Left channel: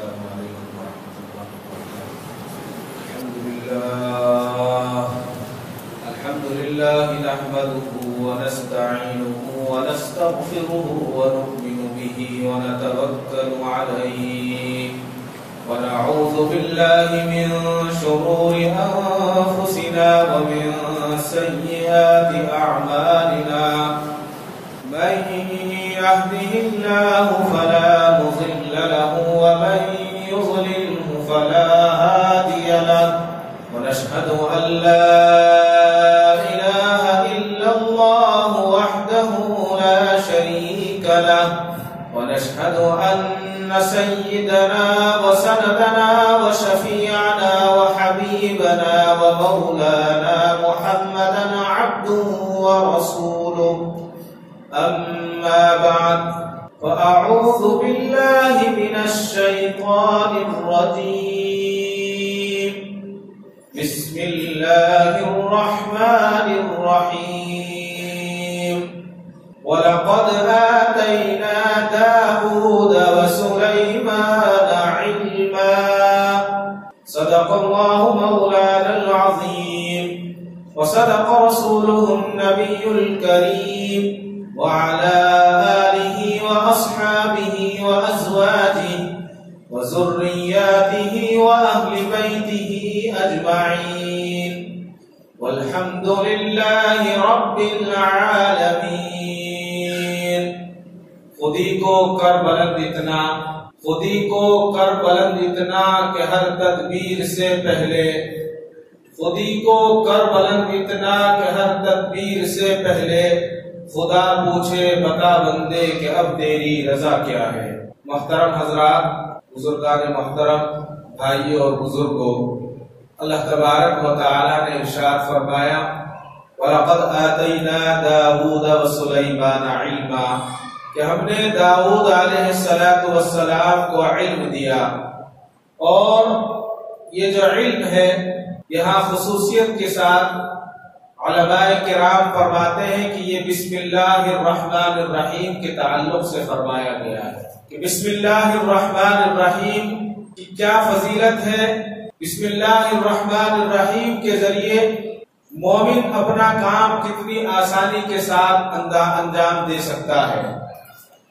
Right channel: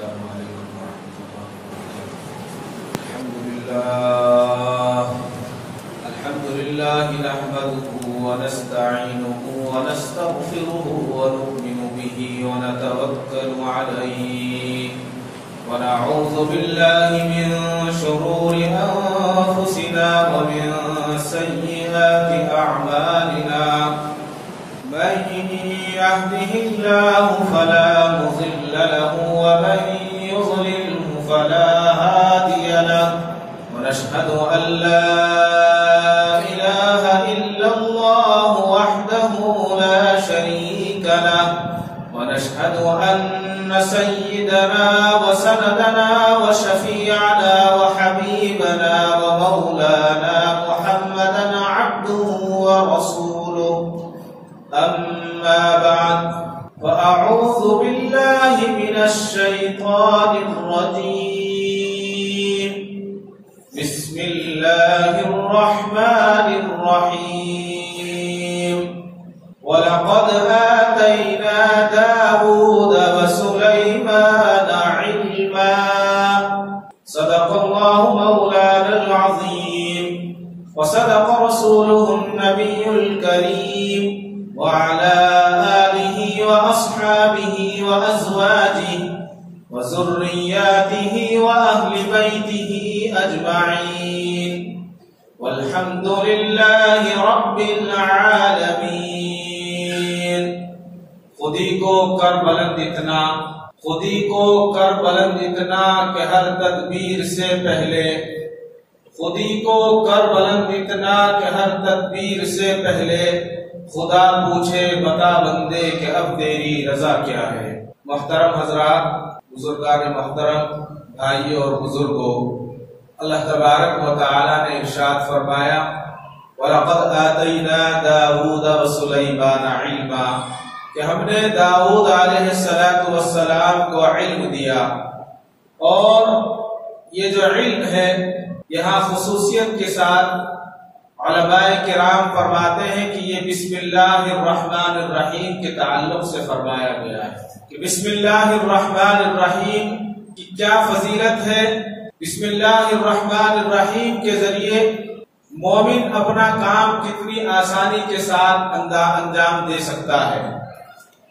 السلام عليكم ورحمة الله وبركاته. الحمد لله نحمده ونستعينه ونستغفره ونؤمن به ونتوكل عليه ونعوذ بالله من شرور أنفسنا ومن سيئات أعمالنا. من يهده الله فلا مضل له ومن يضلله فلا هادي له ونشهد أن لا إله إلا الله وحده لا شريك له ونشهد أن سيدنا وسندنا وشفيعنا وحبيبنا ومولانا محمدا عبده ورسوله. أما بعد فأعوذ بالله من الشيطان الرجيم. بسم الله الرحمن الرحيم. ولقد آتينا داود وسليمان علما. صدق الله مولانا العظيم وصدق رسوله النبي الكريم وعلى آله وأصحابه وأزواجه وذرياته وأهل بيته أجمعين والحمد لله رب العالمين. خودی کو کر بلند اتنا، خودی کو کر بلند اتنا کہ ہر تدبیر سے پہلے، خودی کو کر بلند اتنا کہ ہر تدبیر سے پہلے خدا پوچھے بتا بندے کہ اب تیری رضا کیا ہے. محترم حضرات، بزرگان محترم، بھائیوں اور بزرگوں، اللہ تبارک و تعالی نے ارشاد فرمایا وَلَقَدْ آتَيْنَا دَاوُودَ وَسُلَيْمَانَ عِلْمًا کہ ہم نے داؤد علیہ السلام کو علم دیا. اور یہ جو علم ہے یہاں خصوصیت کے ساتھ علماء کرام فرماتے ہیں کہ یہ بسم اللہ الرحمن الرحیم کے تعلق سے فرمایا گیا ہے کہ بسم اللہ الرحمن الرحیم کی کیا فضیلت ہے. بسم اللہ الرحمن الرحیم کے ذریعے مومن اپنا کام کتنی آسانی کے ساتھ انجام دے سکتا ہے.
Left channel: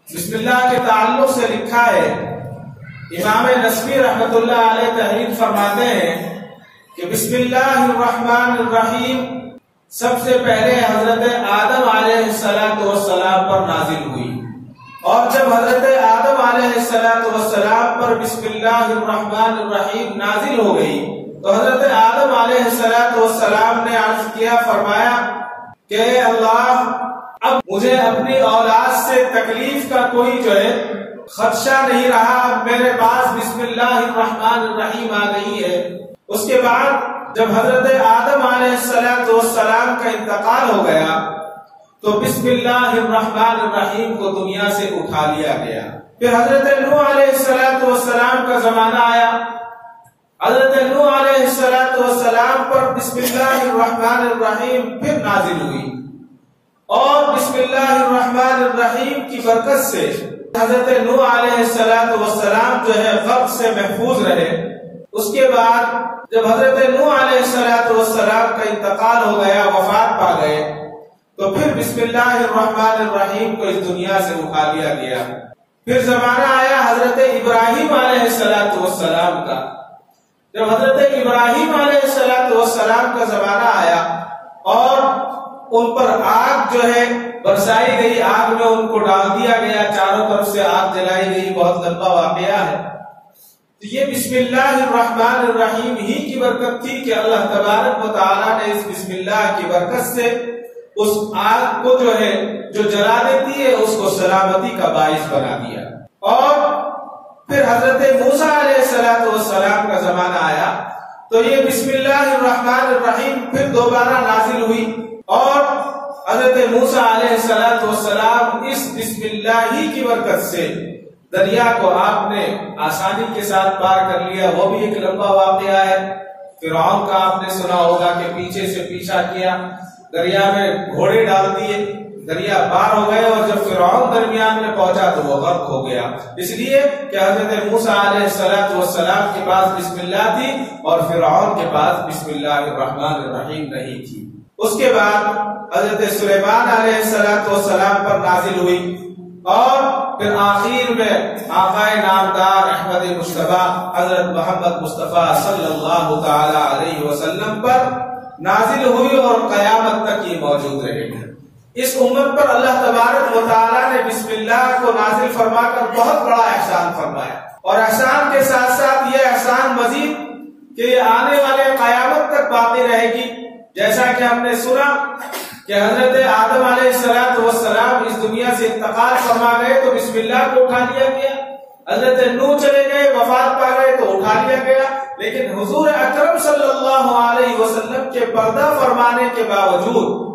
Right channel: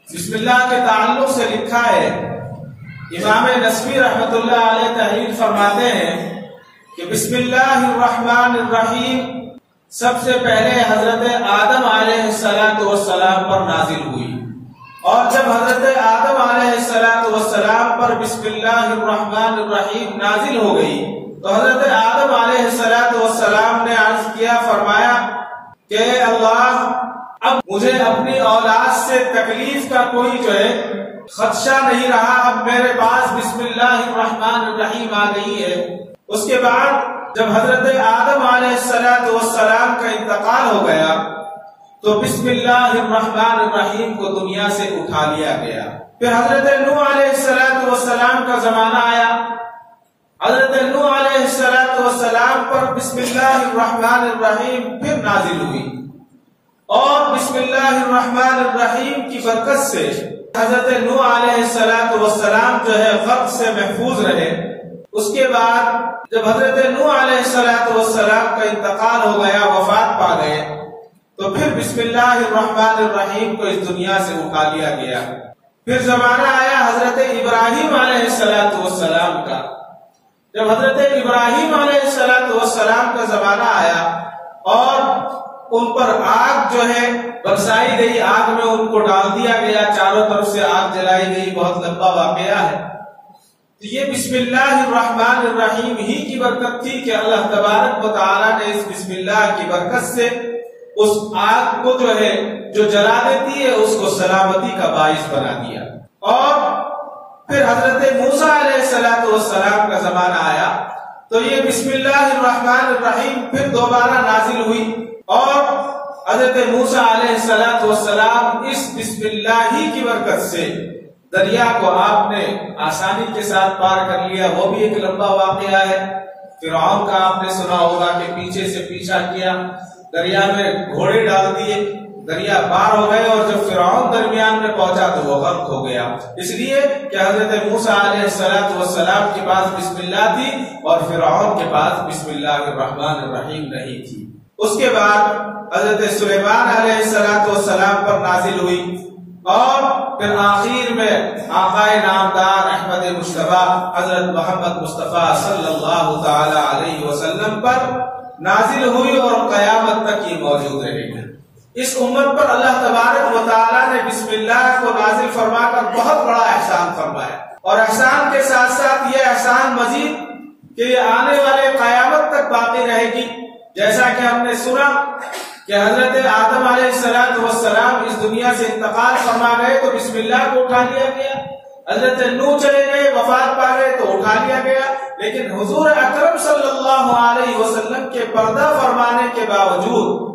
بسم اللہ کے تعلق سے لکھا ہے، امام نسوی رحمۃ اللہ علیہ تحریر فرماتے ہیں کہ بسم اللہ الرحمن الرحیم سب سے پہلے حضرت آدم علیہ السلام پر نازل ہوئی، اور جب حضرت آدم علیہ السلام پر بسم اللہ الرحمن الرحیم نازل ہو گئی تو حضرت آدم علیہ السلام نے عرض کیا، فرمایا کہ اللہ اب مجھے اپنی اولاد سے تکلیف کا کوئی جو ہے خدشہ نہیں رہا، اب میرے پاس بسم اللہ الرحمن الرحیم آ گئی ہے. اس کے بعد جب حضرت آدم علیہ السلام کا انتقال ہو گیا تو بسم اللہ الرحمن الرحیم کو دنیا سے اٹھا لیا گیا. پھر حضرت نوح علیہ السلام کا زمانہ آیا، حضرت نوح علیہ السلام پر بسم اللہ الرحمن الرحیم پھر نازل ہوئی، اور بسم اللہ الرحمن الرحیم کی برکت سے حضرت نوح علیہ السلام جو ہے غرق سے محفوظ رہے. اس کے بعد جب حضرت نوح علیہ السلام کا انتقال ہو گیا، وفات پا گئے، تو پھر بسم اللہ الرحمن الرحیم کو اس دنیا سے اٹھا لیا گیا. پھر زمانہ آیا حضرت ابراہیم علیہ السلام کا. جب حضرت ابراہیم علیہ السلام کا زمانہ آیا اور ان پر آگ جو ہے برسائی گئی، آگ میں ان کو ڈال دیا گیا، چاروں طرف سے آگ جلائی گئی، بہت لمبا واقعہ ہے. تو یہ بسم اللہ الرحمن الرحیم ہی کی برکت تھی کہ اللہ تبارک و تعالی نے اس بسم اللہ کی برکت سے اس آگ کو جو ہے جو جلا دیتی ہے اس کو سلامتی کا باعث بنا دیا. اور پھر حضرت موسیٰ علیہ السلام کا زمانہ آیا تو یہ بسم اللہ الرحمن الرحیم پھر دوبارہ نازل ہوئی، اور حضرت موسیٰ علیہ السلام اس بسم اللہ ہی کی برکت سے دریا کو آپ نے آسانی کے ساتھ پار کر لیا. وہ بھی ایک لمبا واقعہ ہے. فرعون کا آپ نے سنا ہوگا کہ پیچھے سے پیچھا کیا، دریا میں گھوڑے ڈال دیے، دریا پار ہو گئے، اور جب فرعون درمیان میں پہنچا تو وہ غرق ہو گیا، اس لیے کہ حضرت موسیٰ علیہ السلام کے پاس بسم اللہ تھی اور فرعون کے پاس بسم اللہ الرحمن الرحیم نہیں تھی۔ اس کے بعد حضرت سلیمان علیہ السلام پر نازل ہوئی اور پھر آخر میں آقا نامدار احمد مصطفیٰ حضرت محمد مصطفیٰ صلی اللہ تعالی علیہ وسلم پر نازل ہوئی اور قیامت تک یہ موجود رہے گی۔ اس امت پر اللہ تبارک و تعالیٰ نے بسم اللہ کو نازل فرما کر بہت بڑا احسان فرمایا، اور احسان کے ساتھ ساتھ یہ احسان مزید کہ یہ آنے والے قیامت تک باقی رہے گی۔ جیسا کہ ہم نے سنا کہ حضرت آدم علیہ السلام اس دنیا سے انتقال فرما گئے تو بسم اللہ کو اٹھا لیا گیا، حضرت نوح چلے گئے وفات پا گئے تو اٹھا لیا گیا، لیکن حضور اکرم صلی اللہ علیہ وسلم کے پردہ فرمانے کے باوجود،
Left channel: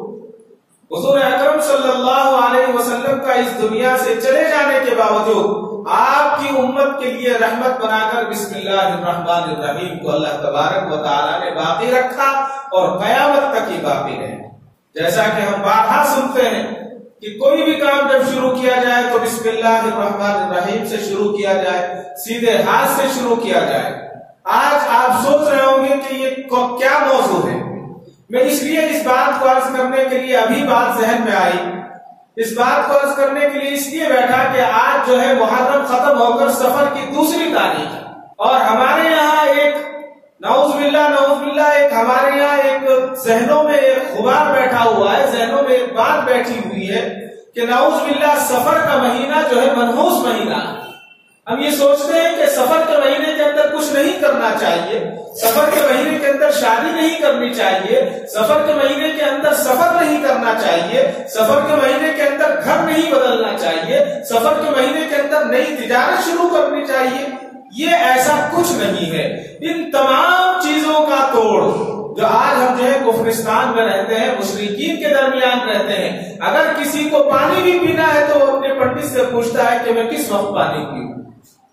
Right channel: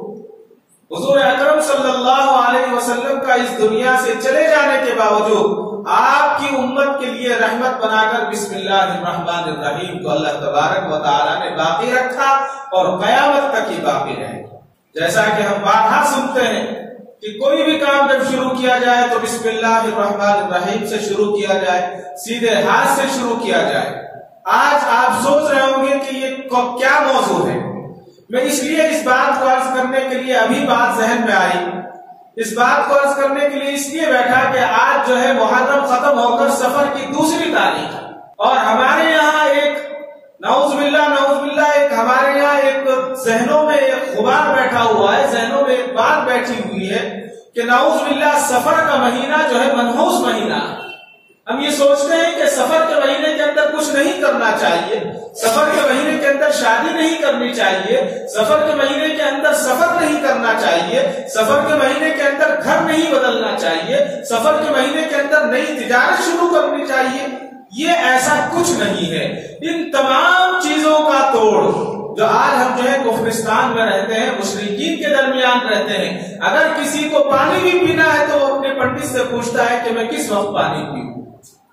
حضور اکرم صلی اللہ علیہ وسلم کا اس دنیا سے چلے جانے کے باوجود آپ کی امت کے لیے رحمت بنا کر بسم اللہ الرحمن الرحیم کو اللہ تبارک و تعالیٰ نے باقی رکھا اور قیامت تک ہی باقی رہے۔ جیسا کہ ہم بارہا سنتے ہیں کہ کوئی بھی کام جب شروع کیا جائے تو بسم اللہ الرحمن الرحیم سے شروع کیا جائے، سیدھے ہاتھ سے شروع کیا جائے۔ آج آپ سوچ رہے ہوں گے کہ یہ کیا موضوع ہے۔ میں اس لیے اس بات کو عرض کرنے کے لیے ابھی بات ذہن میں آئی، اس بات کو عرض کرنے کے لیے اس لیے بیٹھا کہ آج جو ہے محرم ختم ہو کر سفر کی دوسری تاریخ ہے، اور ہمارے یہاں ایک نعوذ باللہ ایک ہمارے یہاں ایک ذہنوں میں ایک غبار بیٹھا ہوا ہے، ذہنوں میں ایک بات بیٹھی ہوئی ہے کہ نعوذ باللہ سفر کا مہینہ جو ہے منحوس مہینہ ہے۔ ہم یہ سوچتے ہیں کہ سفر کے مہینے کے اندر کچھ نہیں کرنا چاہیے، سفر کے مہینے کے اندر شادی نہیں کرنی چاہیے، سفر کے مہینے کے اندر سفر نہیں کرنا چاہیے، سفر کے مہینے کے اندر گھر نہیں بدلنا چاہیے، سفر کے مہینے کے اندر نئی تجارت شروع کرنی چاہیے۔ یہ ایسا کچھ نہیں ہے۔ ان تمام چیزوں کا توڑ جو آج ہم جو ہے کفرستان میں رہتے ہیں، مشرکین کے درمیان رہتے ہیں، اگر کسی کو پانی بھی پینا ہے تو وہ اپنے پنڈت سے پوچھتا ہے کہ میں کس وقت پانی پیوں،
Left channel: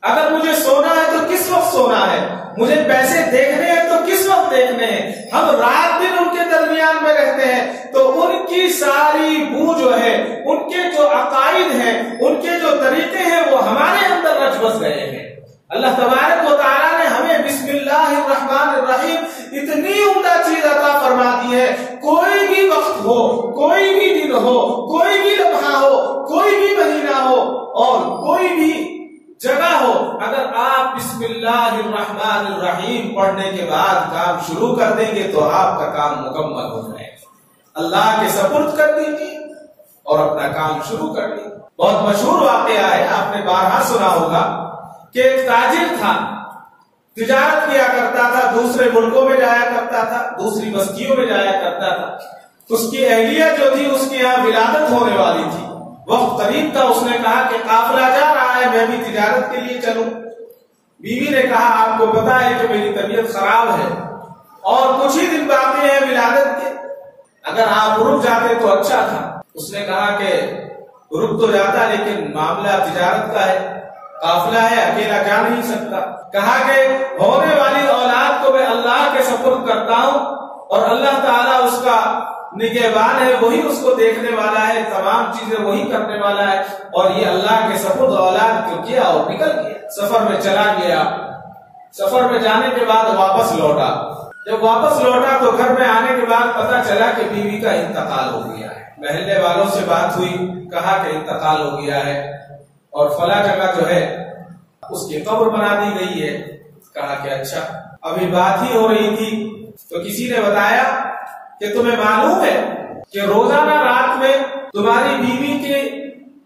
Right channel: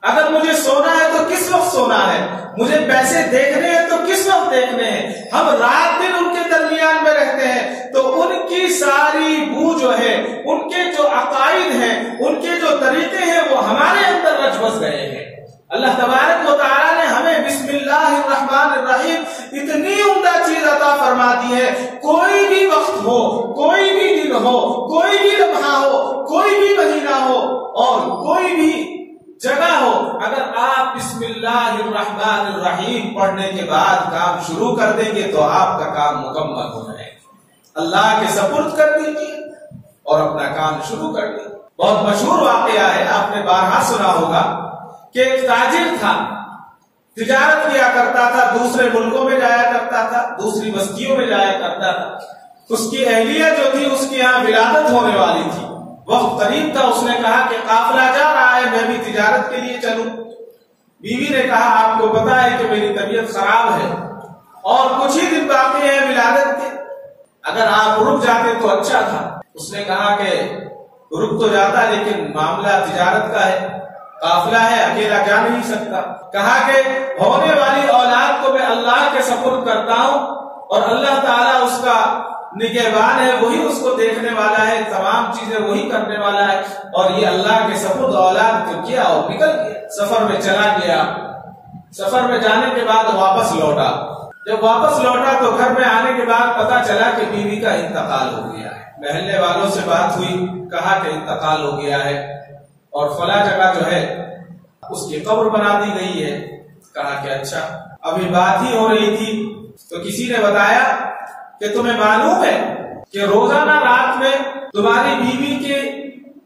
اگر مجھے سونا ہے تو کس وقت سونا ہے، مجھے پیسے دیکھنے ہیں تو کس وقت دیکھنے ہیں۔ ہم رات دن ان کے درمیان میں رہتے ہیں تو ان کی ساری بو جو ہے، ان کے جو عقائد ہیں، ان کے جو طریقے ہیں وہ ہمارے اندر رچ بس گئے ہیں۔ اللہ تبارک و تعالیٰ نے ہمیں بسم اللہ الرحمن الرحیم اتنی عمدہ چیز عطا فرما دی ہے، کوئی بھی وقت ہو، کوئی بھی دن ہو، کوئی بھی لمحہ ہو، کوئی بھی مہینہ ہو اور کوئی بھی جگہ ہو، اگر آپ بسم اللہ الرحمن الرحیم پڑھنے کے بعد کام شروع کر دیں گے تو آپ کا کام مکمل ہو جائے گا۔ اللہ کے سپرد کر دیجیے اور اپنا کام شروع کر دیجیے۔ بہت مشہور واقعہ ہے، آپ نے بارہا سنا ہوگا کہ ایک تاجر تھا، تجارت کیا کرتا تھا، دوسرے ملکوں میں جایا کرتا تھا، دوسری بستیوں میں جایا کرتا تھا۔ اس کی اہلیہ جو تھی اس کے یہاں ولادت ہونے والی تھی، وقت قریب تھا، اس نے کہا کہ قافلہ جا رہا ہے، میں بھی تجارت کے لیے چلوں۔ بیوی نے کہا آپ کو پتا ہے کہ میری طبیعت خراب ہے اور کچھ ہی دن باقی ہے ولادت کے، اگر آپ رک جاتے تو اچھا تھا۔ اس نے کہا کہ رک تو جاتا لیکن معاملہ تجارت کا ہے، قافلہ ہے، اکیلا جا نہیں سکتا۔ کہا کہ ہونے والی اولاد کو میں اللہ کے سپرد کرتا ہوں اور اللہ تعالیٰ اس کا نگہبان ہے، وہی اس کو دیکھنے والا ہے، تمام چیزیں وہی کرنے والا ہے، اور یہ اللہ کے سپرد اولاد کو کیا اور نکل گیا، سفر میں چلا گیا۔ سفر میں جانے کے بعد واپس لوٹا، جب واپس لوٹا تو گھر میں آنے کے بعد پتا چلا کہ بیوی کا انتقال ہو گیا ہے۔ محلے والوں سے بات ہوئی، کہا کہ انتقال ہو گیا ہے اور فلاں جگہ جو ہے اس کی قبر بنا دی گئی ہے۔ کہا کہ اچھا، ابھی بات ہی ہو رہی تھی تو کسی نے بتایا کہ تمہیں معلوم ہے کہ روزانہ رات میں تمہاری بیوی کے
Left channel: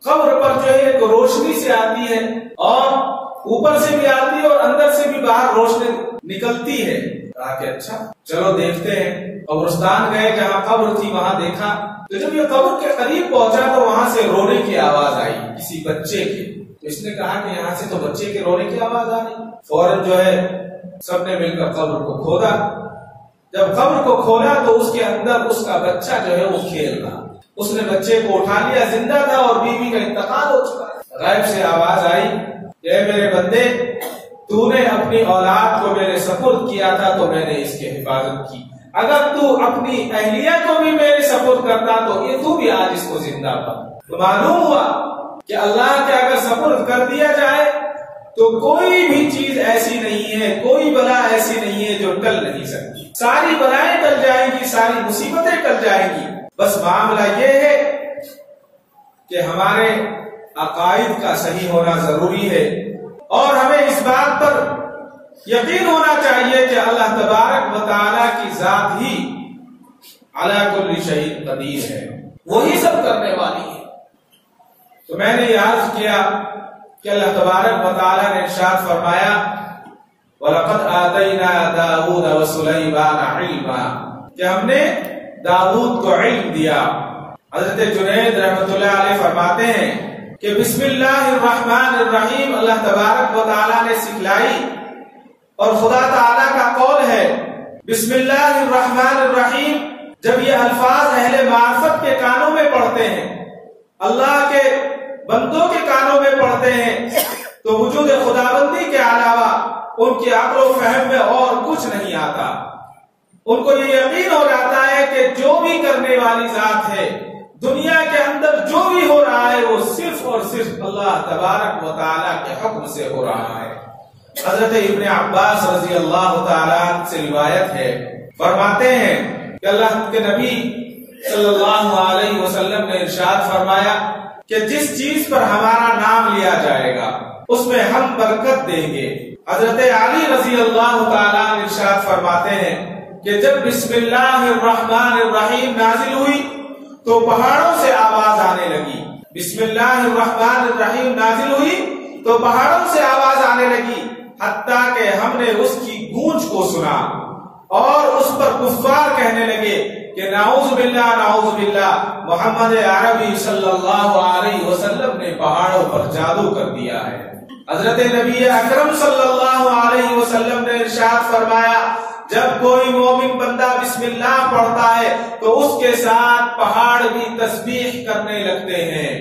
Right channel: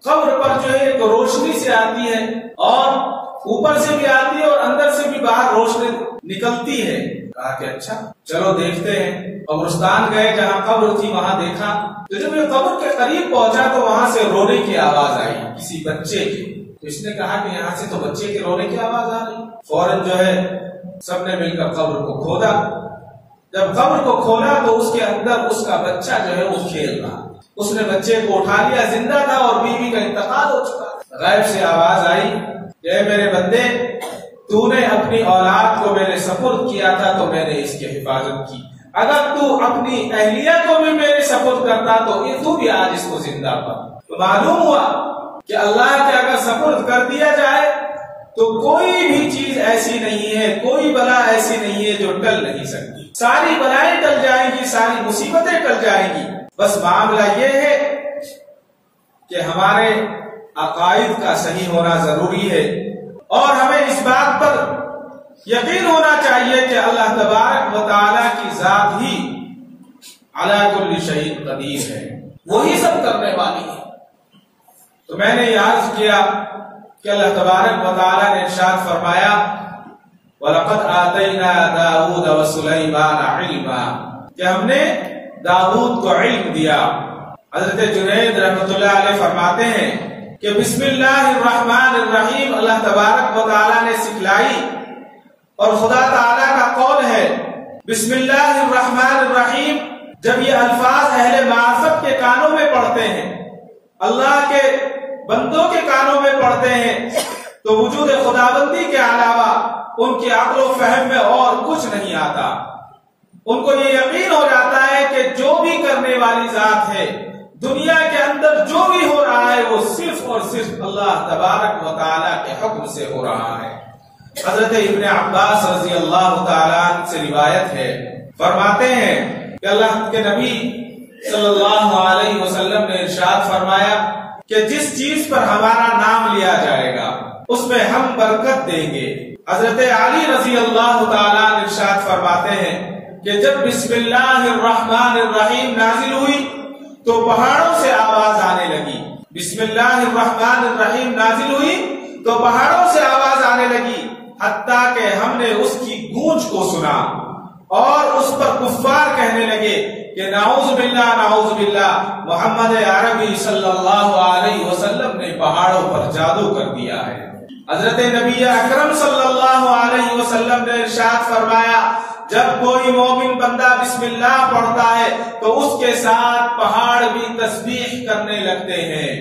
قبر پر جو ہے ایک روشنی سے آتی ہے اور اوپر سے بھی آتی ہے اور اندر سے بھی باہر روشنی نکلتی ہے۔ کہا کہ اچھا چلو دیکھتے ہیں۔ قبرستان گئے، جہاں قبر تھی وہاں دیکھا تو جب یہ قبر کے قریب پہنچا تو وہاں سے رونے کی آواز آئی کسی بچے کی۔ تو اس نے کہا کہ یہاں سے تو بچے کے رونے کی آواز آ رہی۔ فوراً جو ہے سب نے مل کر قبر کو کھودا۔ جب قبر کو کھولا تو اس کے اندر اس کا بچہ جو ہے وہ کھیل رہا۔ اس نے بچے کو اٹھا لیا، زندہ تھا اور بیوی کا انتقال ہو چکا۔ غیب سے آواز آئی کہ اے میرے بندے، تو نے اپنی اولاد کو میرے سپرد کیا تھا تو میں نے اس کی حفاظت کی، اگر تو اپنی اہلیہ کو بھی میرے سپرد کرتا تو یہ تو بھی آج اس کو زندہ پا۔ تو معلوم ہوا کہ اللہ کے اگر سپرد کر دیا جائے تو کوئی بھی چیز ایسی نہیں ہے، کوئی بلا ایسی نہیں ہے جو ٹل نہیں سکتی. ساری بلائیں ٹل جائیں گی، ساری مصیبتیں ٹل جائیں گی. بس معاملہ یہ ہے کہ ہمارے عقائد کا صحیح ہونا ضروری ہے، اور ہمیں اس بات پر یقین ہونا چاہیے کہ اللہ تبارک و تعالیٰ کی ذات ہی علی کل شیء قدیر ہے، وہی سب کرنے والی ہے. تو میں نے یہ عرض کیا کہ اللہ تبارک و تعالیٰ نے ارشاد فرمایا وَلَقَدْ آتَيْنَا دَاوُودَ وَسُلَيْمَانَ عِلْمًا، کہ ہم نے داؤد کو علم دیا. حضرت جنید رحمۃ اللہ علیہ فرماتے ہیں کہ بسم اللہ الرحمن الرحیم اللہ تبارک و تعالیٰ نے سکھلائی، اور خدا تعالیٰ کا قول ہے بسم اللہ الرحمن الرحیم. جب یہ الفاظ اہل معرفت کے کانوں میں پڑھتے ہیں، اللہ کے بندوں کے کانوں میں پڑھتے ہیں، تو وجود خداوندی کے علاوہ ان کی عقل و فہم میں اور کچھ نہیں آتا. ان کو یہ یقین ہو جاتا ہے کہ جو بھی کرنے والی ذات ہے، دنیا کے اندر جو بھی ہو رہا ہے وہ صرف اور صرف اللہ تبارک و تعالیٰ کے حکم سے ہو رہا ہے. حضرت ابن عباس رضی اللہ تعالیٰ عنہ سے روایت ہے، فرماتے ہیں کہ اللہ کے نبی صلی اللہ علیہ وسلم نے ارشاد فرمایا کہ جس چیز پر ہمارا نام لیا جائے گا اس میں ہم برکت دیں گے. حضرت علی رضی اللہ تعالیٰ عنہ ارشاد فرماتے ہیں کہ جب بسم اللہ الرحمن الرحیم نازل ہوئی تو پہاڑوں سے آواز آنے لگی. بسم اللہ الرحمن الرحیم نازل ہوئی تو پہاڑوں سے آواز آنے لگی، حتیٰ کہ ہم نے اس کی گونج کو سنا، اور اس پر کفار کہنے لگے کہ نعوذ باللہ محمد عربی صلی اللہ علیہ وسلم نے پہاڑوں پر جادو کر دیا ہے. حضرت نبی اکرم صلی اللہ علیہ وسلم نے ارشاد فرمایا جب کوئی مومن بندہ بسم اللہ پڑھتا ہے تو اس کے ساتھ پہاڑ بھی تسبیح کرنے لگتے ہیں،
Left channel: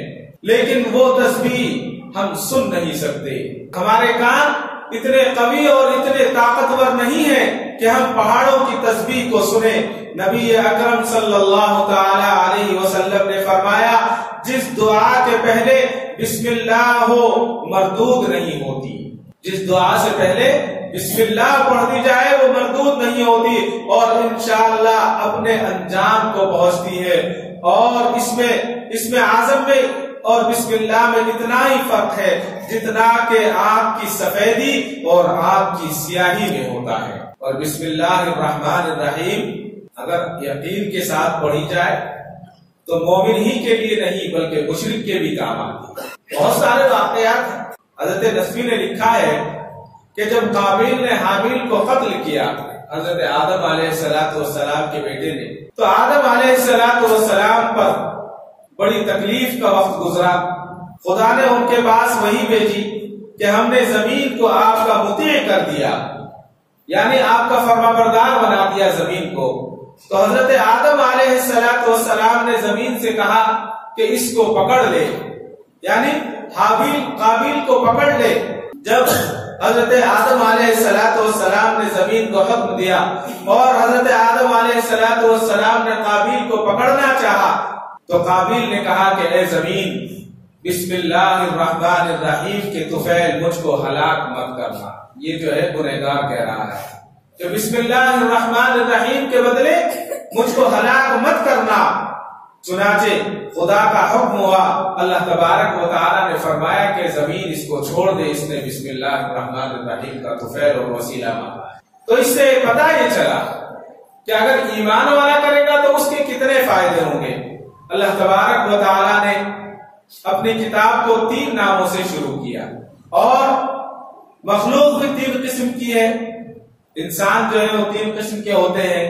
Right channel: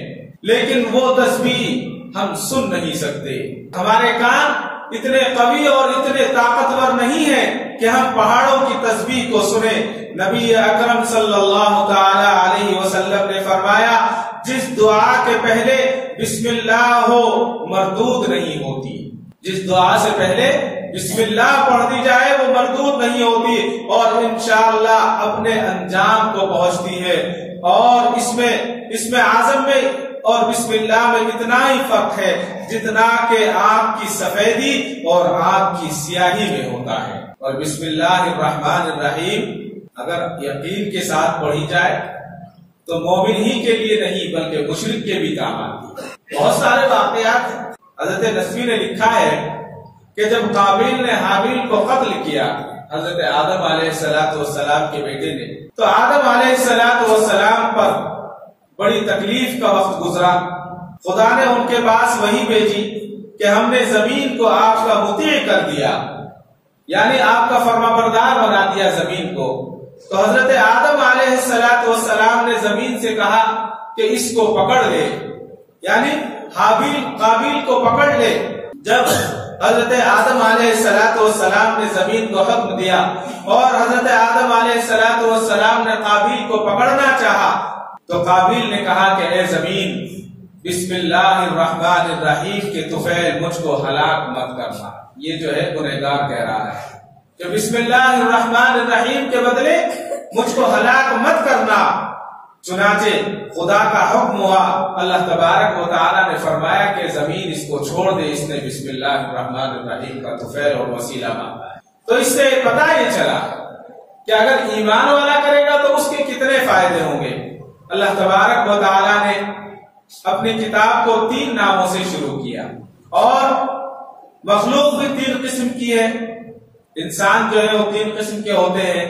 لیکن وہ تسبیح ہم سن نہیں سکتے. ہمارے کان اتنے قوی اور اتنے طاقتور نہیں ہیں کہ ہم پہاڑوں کی تسبیح کو سنیں. نبی اکرم صلی اللہ تعالی علیہ وسلم نے فرمایا جس دعا کے پہلے بسم اللہ ہو مردود نہیں ہوتی. جس دعا سے پہلے بسم اللہ پڑھ دی جائے وہ مردود نہیں ہوتی، اور انشاءاللہ اپنے انجام کو پہنچتی ہے. اور اس میں اعظم میں اور بسم اللہ میں اتنا ہی فرق ہے جتنا کہ آنکھ کی سفیدی اور آنکھ کی سیاہی میں ہوتا ہے. اور بسم اللہ الرحمن الرحیم اگر یقین کے ساتھ پڑھی جائے تو مومن ہی کے لیے نہیں بلکہ مشرک کے بھی کام آتی ہے. بہت سارے واقعات ہیں. حضرت نسوی نے لکھا ہے کہ جب قابیل نے حابیل کو قتل کیا حضرت آدم علیہ السلام کے بیٹے نے، تو آدم علیہ السلام پر بڑی تکلیف کا وقت گزرا. خدا نے ان کے پاس وحی بھیجی کہ ہم نے زمین کو آپ کا مطیع کر دیا، یعنی آپ کا فرمانبردار بنا دیا زمین کو. تو حضرت آدم علیہ السلام نے زمین سے کہا کہ اس کو پکڑ لے، یعنی قابیل کو پکڑ لے. جب حضرت آدم علیہ السلام نے زمین کو حکم دیا اور حضرت آدم علیہ السلام نے قابیل کو پکڑنا چاہا تو قابیل نے کہا کہ اے زمین بسم اللہ الرحمن الرحیم کے طفیل مجھ کو ہلاک مت کرنا. یہ جو ہے گنہگار کہہ رہا ہے کہ بسم اللہ الرحمن الرحیم کے بدلے مجھ کو ہلاک مت کرنا. چنانچہ خدا کا حکم ہوا، اللہ تبارک و تعالیٰ نے فرمایا کہ زمین اس کو چھوڑ دے، اس نے بسم اللہ الرحمن الرحیم کا طفیل اور وسیلہ مانگا ہے. تو اس سے پتہ یہ چلا کہ اگر ایمان والا کرے گا تو اس کے کتنے فائدے ہوں گے. اللہ تبارک و تعالیٰ نے اپنی کتاب کو 3 ناموں سے شروع کیا، اور مخلوق بھی 3 قسم کی ہے. انسان جو ہے وہ 3 قسم کے ہوتے ہیں.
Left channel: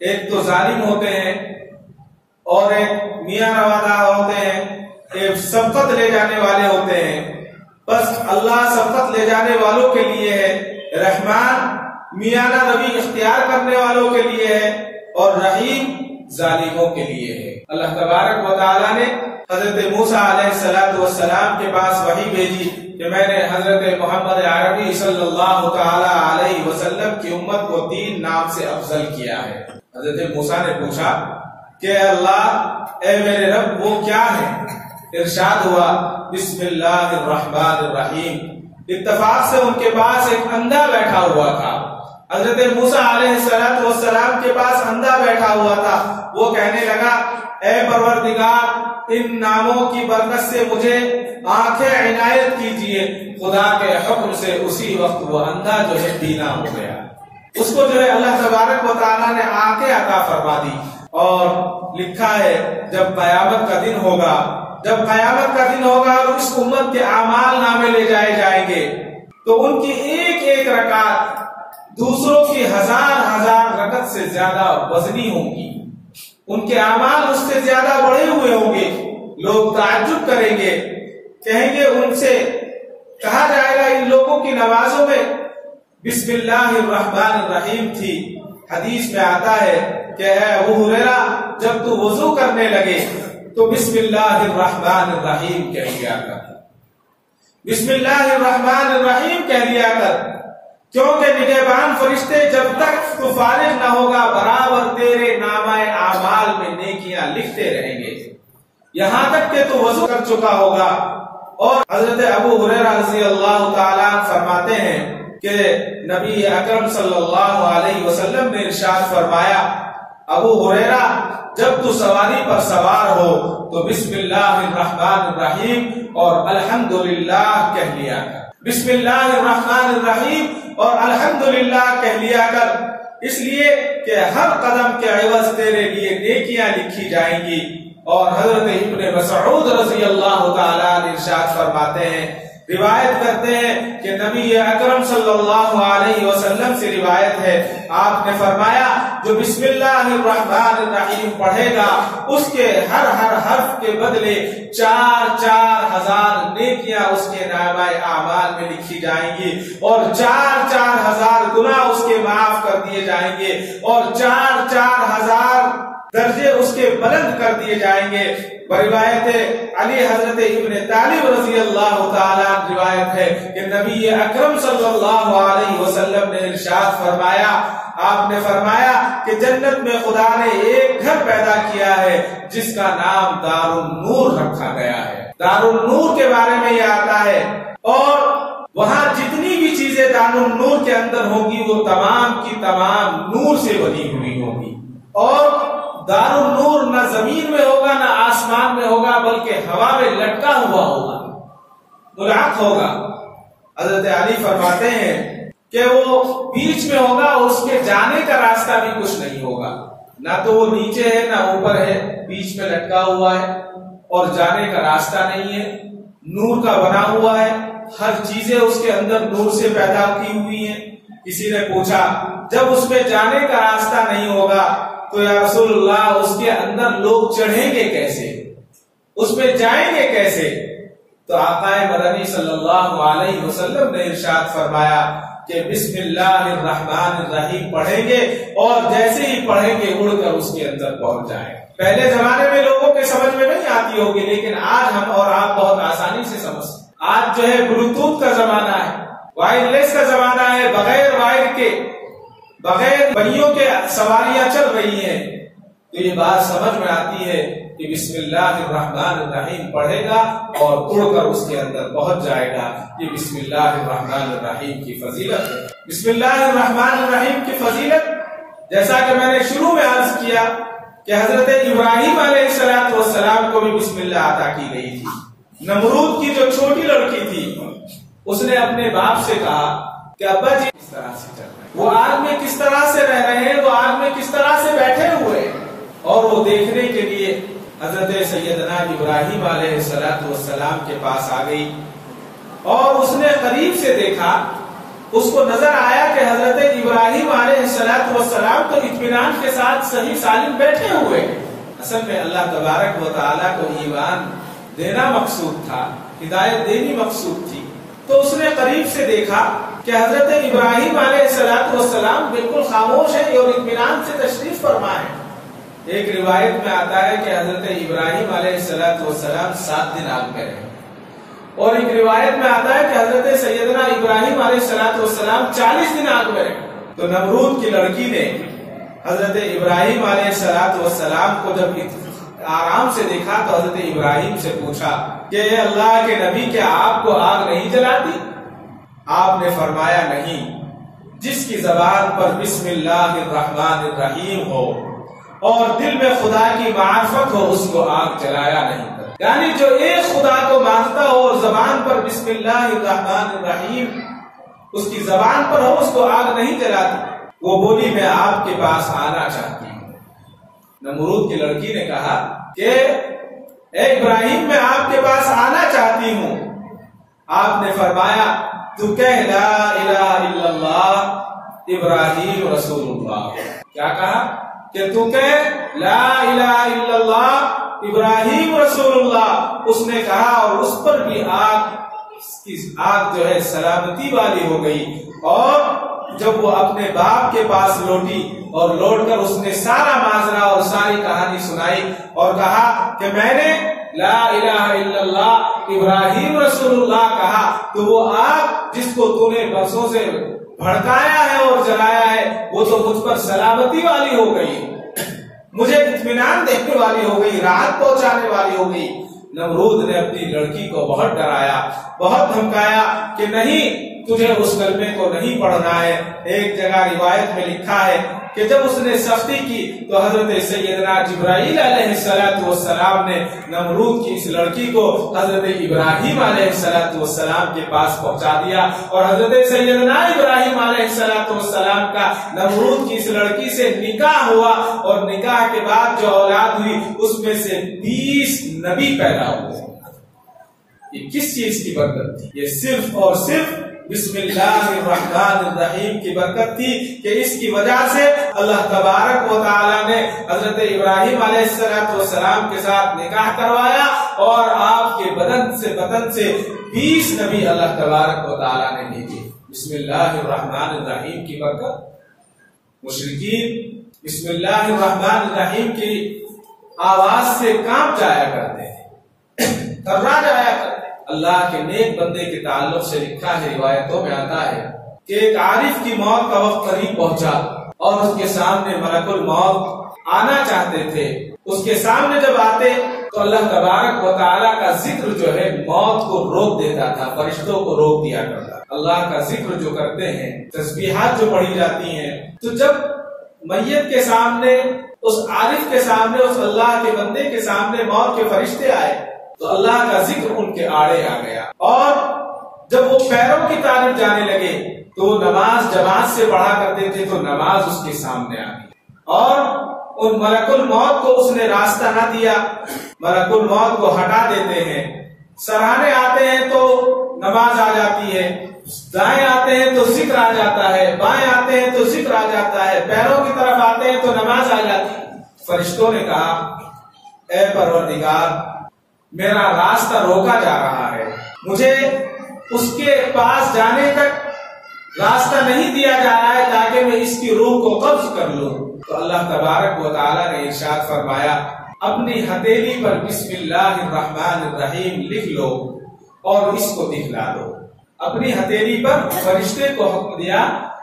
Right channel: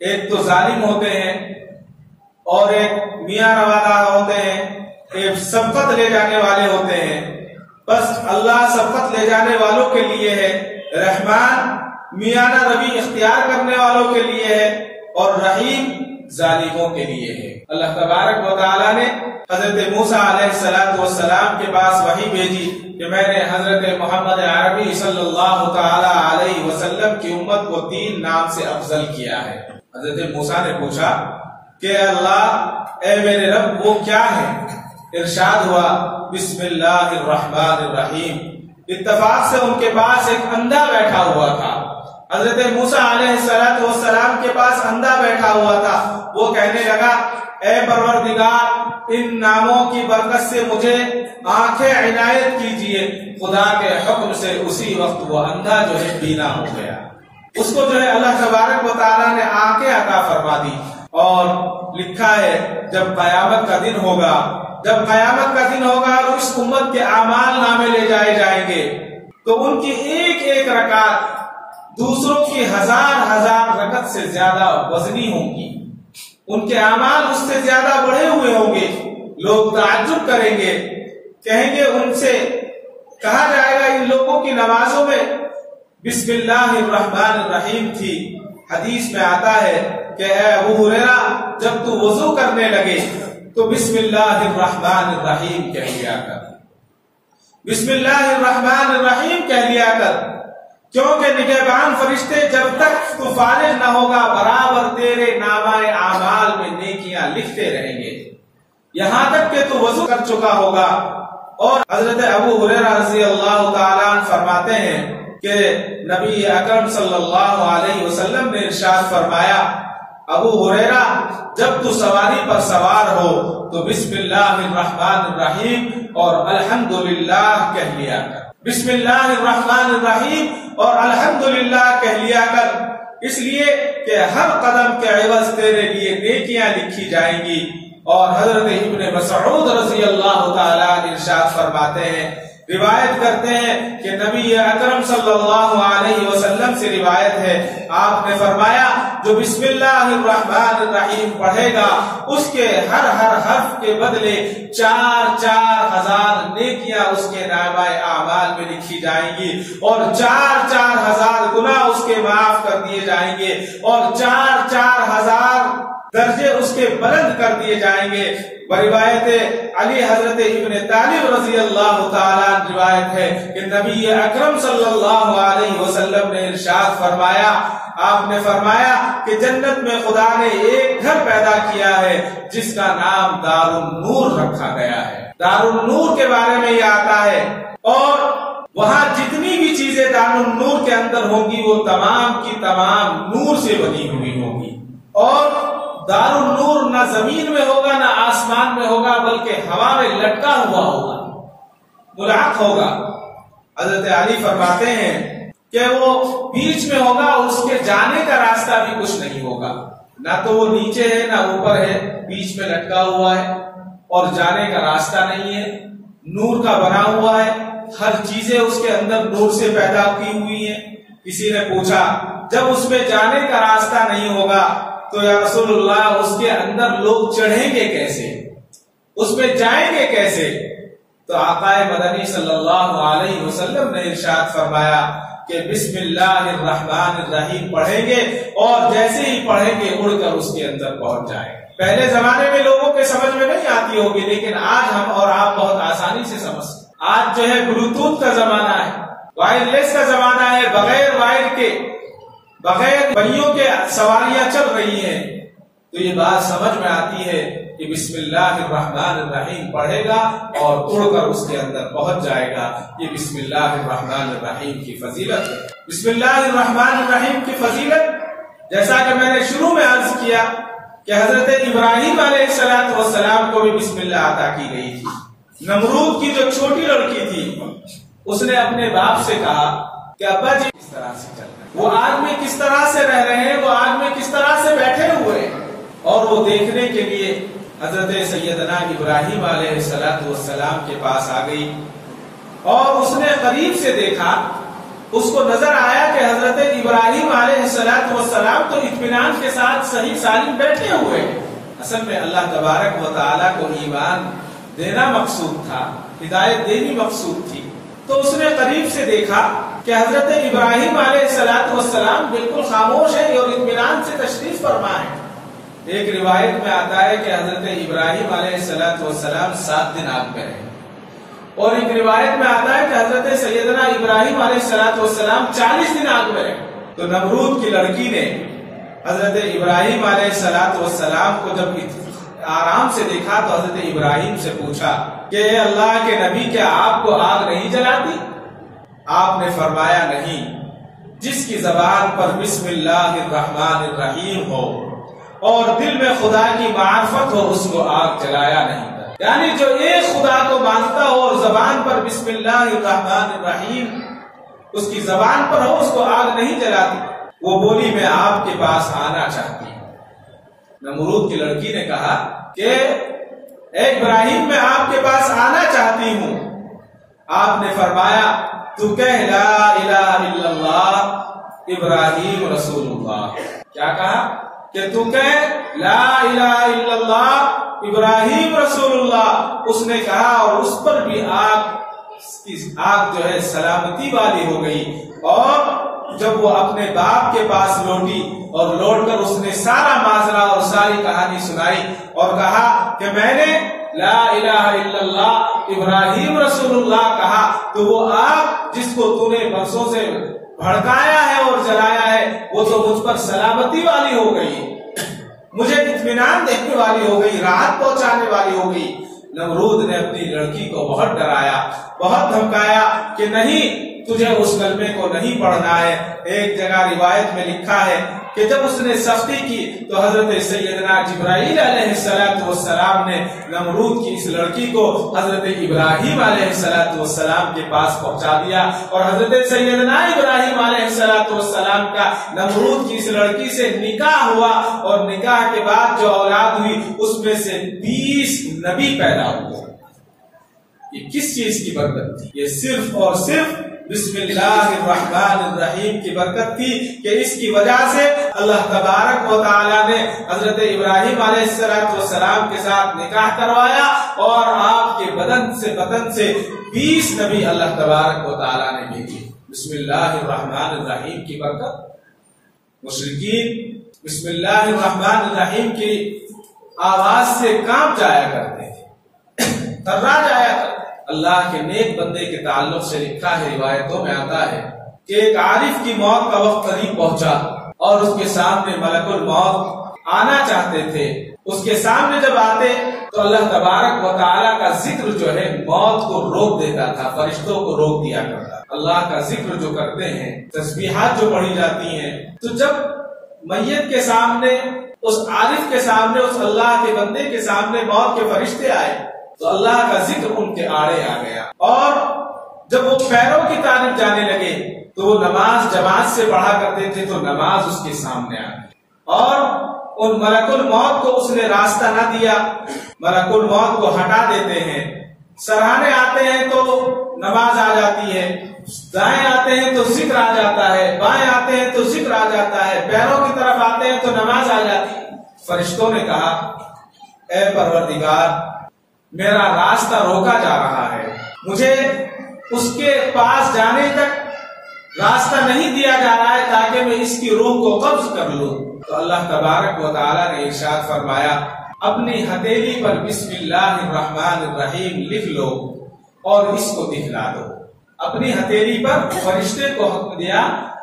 ایک تو ظالم ہوتے ہیں، اور ایک میاں روادار ہوتے ہیں، ایک سبقت لے جانے والے ہوتے ہیں. بس اللہ سبقت لے جانے والوں کے لیے ہے، رحمان میانہ روی اختیار کرنے والوں کے لیے ہے، اور رحیم ظالموں کے لیے ہے. اللہ تبارک و تعالیٰ نے حضرت موسیٰ علیہ السلام کے پاس وحی بھیجی کہ میں نے حضرت محمد عربی صلی اللہ تعالی علیہ وسلم کی امت کو 3 نام سے افضل کیا ہے. حضرت موسیٰ نے پوچھا کہ اللہ اے میرے رب وہ کیا ہے؟ ارشاد ہوا بسم اللہ الرحمن الرحیم. اتفاق سے ان کے پاس ایک اندھا بیٹھا ہوا تھا. حضرت موسیٰ علیہ السلام کے پاس اندھا بیٹھا ہوا تھا. وہ کہنے لگا اے پروردگار ان ناموں کی برکت سے مجھے آنکھیں عنایت کیجیے. خدا کے حکم سے اسی وقت وہ اندھا جو ہے بینا ہو گیا. اس کو جو ہے اللہ تبارک و تعالیٰ نے آنکھیں عطا فرما دی. اور لکھا ہے جب قیامت کا دن ہوگا اور اس امت کے اعمال نامے لے جائے جائیں گے تو ان کی ایک ایک رکعت دوسروں کی ہزار رکعت سے زیادہ وزنی ہوں گی. ان کے اعمال اس سے زیادہ بڑھے ہوئے ہوں گے. لوگ تعجب کریں گے, کہیں گے, ان سے کہا جائے گا ان لوگوں کی نمازوں میں بسم اللہ الرحمن الرحیم تھی. حدیث میں آتا ہے کہ اے ابو ہریرہ جب تو وضو کرنے لگے تو بسم اللہ الرحمن الرحیم کہہ لیا کر. بسم اللہ الرحمن الرحیم کہہ لیا کر, کیونکہ نگہبان فرشتے جب تک تو فارغ نہ ہوگا برابر تیرے نامہ اعمال میں نیکیاں لکھتے رہیں گے یہاں تک کہ تو وضو کر چکا ہوگا. اور حضرت ابو ہریرہ رضی اللہ تعالیٰ عنہ فرماتے ہیں کہ نبی اکرم صلی اللہ علیہ وسلم نے ارشاد فرمایا ابو ہریرہ جب تو سواری پر سوار ہو تو بسم اللہ الرحمن الرحیم اور الحمدللہ کہہ لیا کر. بسم اللہ الرحمن الرحیم اور الحمدللہ کہہ لیا کر, اس لیے کہ ہر قدم کے عوض تیرے لیے نیکیاں لکھی جائیں گی. اور حضرت ابن مسعود رضی اللہ تعالیٰ عنہ ارشاد فرماتے ہیں, روایت کرتے ہیں کہ نبی اکرم صلی اللہ علیہ وسلم سے روایت ہے, آپ نے فرمایا جو بسم اللہ الرحمن الرحیم پڑھے گا اس کے ہر حرف کے بدلے 4,000 نیکیاں اس کے نامہ اعمال میں لکھی جائیں گی اور 4,000 گناہ اس کے معاف کر دیے جائیں گے اور 4,000 درجے اس کے بلند کر دیے جائیں گے. روایت علی حضرت ابن طالب رضی اللہ تعالیٰ روایت ہے کہ نبی اکرم صلی اللہ علیہ وسلم نے ارشاد فرمایا, آپ نے فرمایا کہ جنت میں خدا نے ایک گھر پیدا کیا ہے جس کا نام دار النور رکھا گیا ہے. دار النور کے بارے میں یہ آتا ہے اور وہاں جتنی بھی چیزیں دار النور کے اندر ہوں گی وہ تمام کی تمام نور سے بنی ہوئی ہوں گی. اور دار النور نہ زمین میں ہوگا نہ آسمان میں ہوگا بلکہ ہوا میں لٹکا ہوا ہوگا, ملحق ہوگا. حضرت علی فرماتے ہیں کہ وہ بیچ میں ہوگا اور اس کے جانے کا راستہ بھی کچھ نہیں ہوگا, نہ تو وہ نیچے ہے نہ اوپر ہے, بیچ میں لٹکا ہوا ہے اور جانے کا راستہ نہیں ہے. نور کا بنا ہوا ہے, ہر چیزیں اس کے اندر نور سے پیدا کی ہوئی ہیں. کسی نے پوچھا جب اس میں جانے کا راستہ نہیں ہوگا تو یا رسول اللہ اس کے اندر لوگ چڑھیں گے کیسے, اس میں جائیں گے کیسے؟ تو آقا مدنی صلی اللہ علیہ وسلم نے ارشاد فرمایا کہ بسم اللہ الرحمن الرحیم پڑھیں گے اور جیسے ہی پڑھیں گے اڑ کر اس کے اندر پہنچ جائیں گے. پہلے زمانے میں لوگوں کے سمجھ میں نہیں آتی ہوگی لیکن آج ہم اور آپ بہت آسانی سے سمجھ. آج جو ہے بلوٹوتھ کا زمانہ ہے, وائرلیس کا زمانہ ہے, بغیر وائر کے بغیر پہیوں کے سواریاں چل رہی ہیں. تو یہ بات سمجھ میں آتی ہے کہ بسم اللہ الرحمن الرحیم پڑھے گا اور اڑ کر اس کے اندر پہنچ جائے گا. یہ بسم اللہ الرحمن الرحیم کی فضیلت ہے. بسم اللہ الرحمن الرحیم کی فضیلت جیسا کہ میں نے شروع میں عرض کیا کہ حضرت ابراہیم علیہ السلام کو بھی بسم اللہ عطا کی گئی تھی. نمرود کی جو چھوٹی لڑکی تھی اس نے اپنے باپ سے کہا کہ ابا جی کس طرح سے چل رہے ہیں, وہ آگ میں کس طرح سے رہ رہے ہیں, وہ آگ میں کس طرح سے بیٹھے ہوئے ہیں. اور وہ دیکھنے کے لیے حضرت سیدنا ابراہیم علیہ السلام کے پاس آ گئی اور اس نے قریب سے دیکھا. اس کو نظر آیا کہ حضرت ابراہیم علیہ السلام تو اطمینان کے ساتھ صحیح سالم بیٹھے ہوئے ہیں. اصل میں اللہ تبارک و تعالیٰ کو ایمان دینا مقصود تھا, ہدایت دینی مقصود تھی. تو اس نے قریب سے دیکھا کہ حضرت ابراہیم علیہ السلام بالکل خاموش ہے اور اطمینان سے تشریف فرما ہے. ایک روایت میں آتا ہے کہ حضرت ابراہیم علیہ السلام 7 دن آگ میں رہے اور ایک روایت میں آتا ہے کہ حضرت سیدنا ابراہیم علیہ السلام 40 دن آگ میں رہے. تو نمرود کی لڑکی نے حضرت ابراہیم علیہ السلام کو جب آرام سے دیکھا تو حضرت ابراہیم سے پوچھا کہ اے اللہ کے نبی کیا آپ کو آگ نہیں جلاتی؟ آپ نے فرمایا نہیں، جس کی زبان پر بسم اللہ الرحمن الرحیم ہو اور دل میں خدا کی معرفت ہو اس کو آگ جلایا نہیں۔ یعنی جو ایک خدا کو مانتا ہو اور زبان پر بسم اللہ الرحمن الرحیم اس کی زبان پر ہو اس کو آگ نہیں جلاتی۔ وہ بولی میں آپ کے پاس آنا چاہتی ہوں۔ نمرود کی لڑکی نے کہا کہ اے ابراہیم میں آپ کے پاس آنا چاہتی ہوں۔ آپ نے فرمایا تو کہہ لا الہ الا اللہ ابراہیم رسول اللہ۔ کیا کہا کہ تو کہہ لا الہ الا اللہ ابراہیم رسول اللہ۔ اس نے کہا اور اس پر بھی آگ جو ہے سلامتی والی ہو گئی، اور جب وہ اپنے باپ کے پاس لوٹی اور لوٹ کر اس نے سارا ماجرا اور ساری کہانی سنائی اور کہا کہ میں نے لا الہ الا اللہ ابراہیم رسول اللہ کہا تو وہ آگ جس کو تو نے برسوں سے بھڑکایا ہے اور جلایا ہے وہ تو مجھ پر سلامتی والی ہو گئی، مجھے اطمینان دینے والی ہو گئی، راحت پہنچانے والی ہو گئی۔ نمرود نے اپنی لڑکی کو بہت ڈرایا، بہت دھمکایا کہ نہیں تجھے اس کلمے کو نہیں پڑھنا ہے۔ ایک جگہ روایت میں لکھا ہے کہ جب اس نے سختی کی تو حضرت سیدنا جبرائیل علیہ السلام نے نمرود کی اس لڑکی کو حضرت ابراہیم علیہ السلام کے پاس پہنچا دیا، اور حضرت سیدنا ابراہیم علیہ السلام کا نمرود کی اس لڑکی سے نکاح ہوا، اور نکاح کے بعد جو اولاد ہوئی اس میں سے 20 نبی پیدا ہوئے۔ یہ کس چیز کی برکت تھی؟ یہ صرف اور صرف بسم اللہ الرحمن الرحیم کی برکت تھی کہ اس کی وجہ سے اللہ تبارک و تعالی نے حضرت ابراہیم علیہ السلام کے ساتھ نکاح کروایا، اور آپ کے بدن سے 20 نبی اللہ تبارک و تعالی نے بھیجے۔ بسم اللہ الرحمن الرحیم کی برکت۔ مشرکین بسم اللہ الرحمن الرحیم کی آواز سے کام جایا کرتے ہیں، تھرا جایا کرتے ہیں۔ اللہ کے نیک بندے کے تعلق سے لکھا ہے، روایتوں میں آتا ہے کہ ایک عارف کی موت کا وقت قریب پہنچا اور اس کے سامنے ملک الموت آنا چاہتے تھے۔ اس کے سامنے جب آتے تو اللہ تبارک و تعالیٰ کا ذکر جو ہے موت کو روک دیتا تھا، فرشتوں کو روک دیا کرتا۔ اللہ کا ذکر جو کرتے ہیں، تسبیحات جو پڑھی جاتی ہیں، تو جب میت کے سامنے، اس عارف کے سامنے، اس اللہ کے بندے کے سامنے موت کے فرشتے آئے تو اللہ کا ذکر ان کے آڑے آ گیا، اور جب وہ پیروں کی طرف جانے لگے تو وہ نماز جماعت سے پڑھا کرتے تھے تو نماز اس کے سامنے آ گئی، اور ان ملک الموت کو اس نے راستہ نہ دیا۔ ملک الموت کو ہٹا دیتے ہیں، سرہانے آتے ہیں تو نماز آ جاتی ہے، دائیں آتے ہیں تو ذکر آ جاتا ہے، بائیں آتے ہیں تو ذکر آ جاتا ہے، پیروں کی طرف آتے ہیں تو نماز آ جاتی ہے۔ فرشتوں نے کہا اے پروردگار میرا راستہ روکا جا رہا ہے، مجھے اس کے پاس جانے تک راستہ نہیں دیا جا رہا ہے تاکہ میں اس کی روح کو قبض کر لوں۔ تو اللہ تبارک و تعالیٰ نے ارشاد فرمایا اپنی ہتھیلی پر بسم اللہ الرحمن الرحیم لکھ لو اور اس کو دکھلا دو۔ اپنی ہتھیلی پر فرشتے کو حکم دیا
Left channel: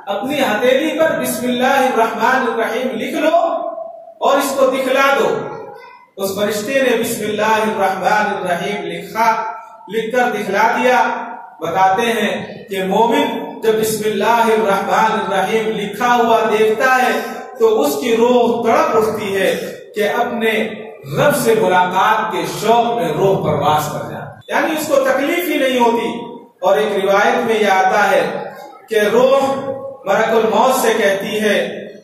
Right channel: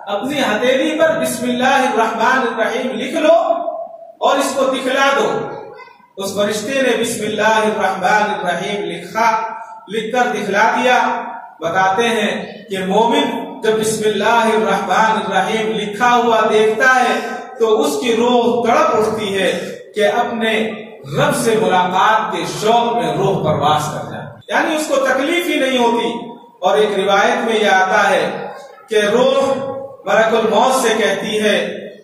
اپنی ہتھیلی پر بسم اللہ الرحمن الرحیم لکھ لو اور اس کو دکھلا دو۔ اس فرشتے نے بسم اللہ الرحمن الرحیم لکھ کر دکھلا دیا۔ بتاتے ہیں کہ مومن جب بسم اللہ الرحمن الرحیم لکھا ہوا دیکھتا ہے تو اس کی روح تڑپ اٹھتی ہے کہ اپنے رب سے ملاقات کے شوق میں روح پرواز کر جاتی، یعنی اس کو تکلیف ہی نہیں ہوتی۔ اور ایک روایت میں یہ آتا ہے کہ روح ملک الموت سے کہتی ہے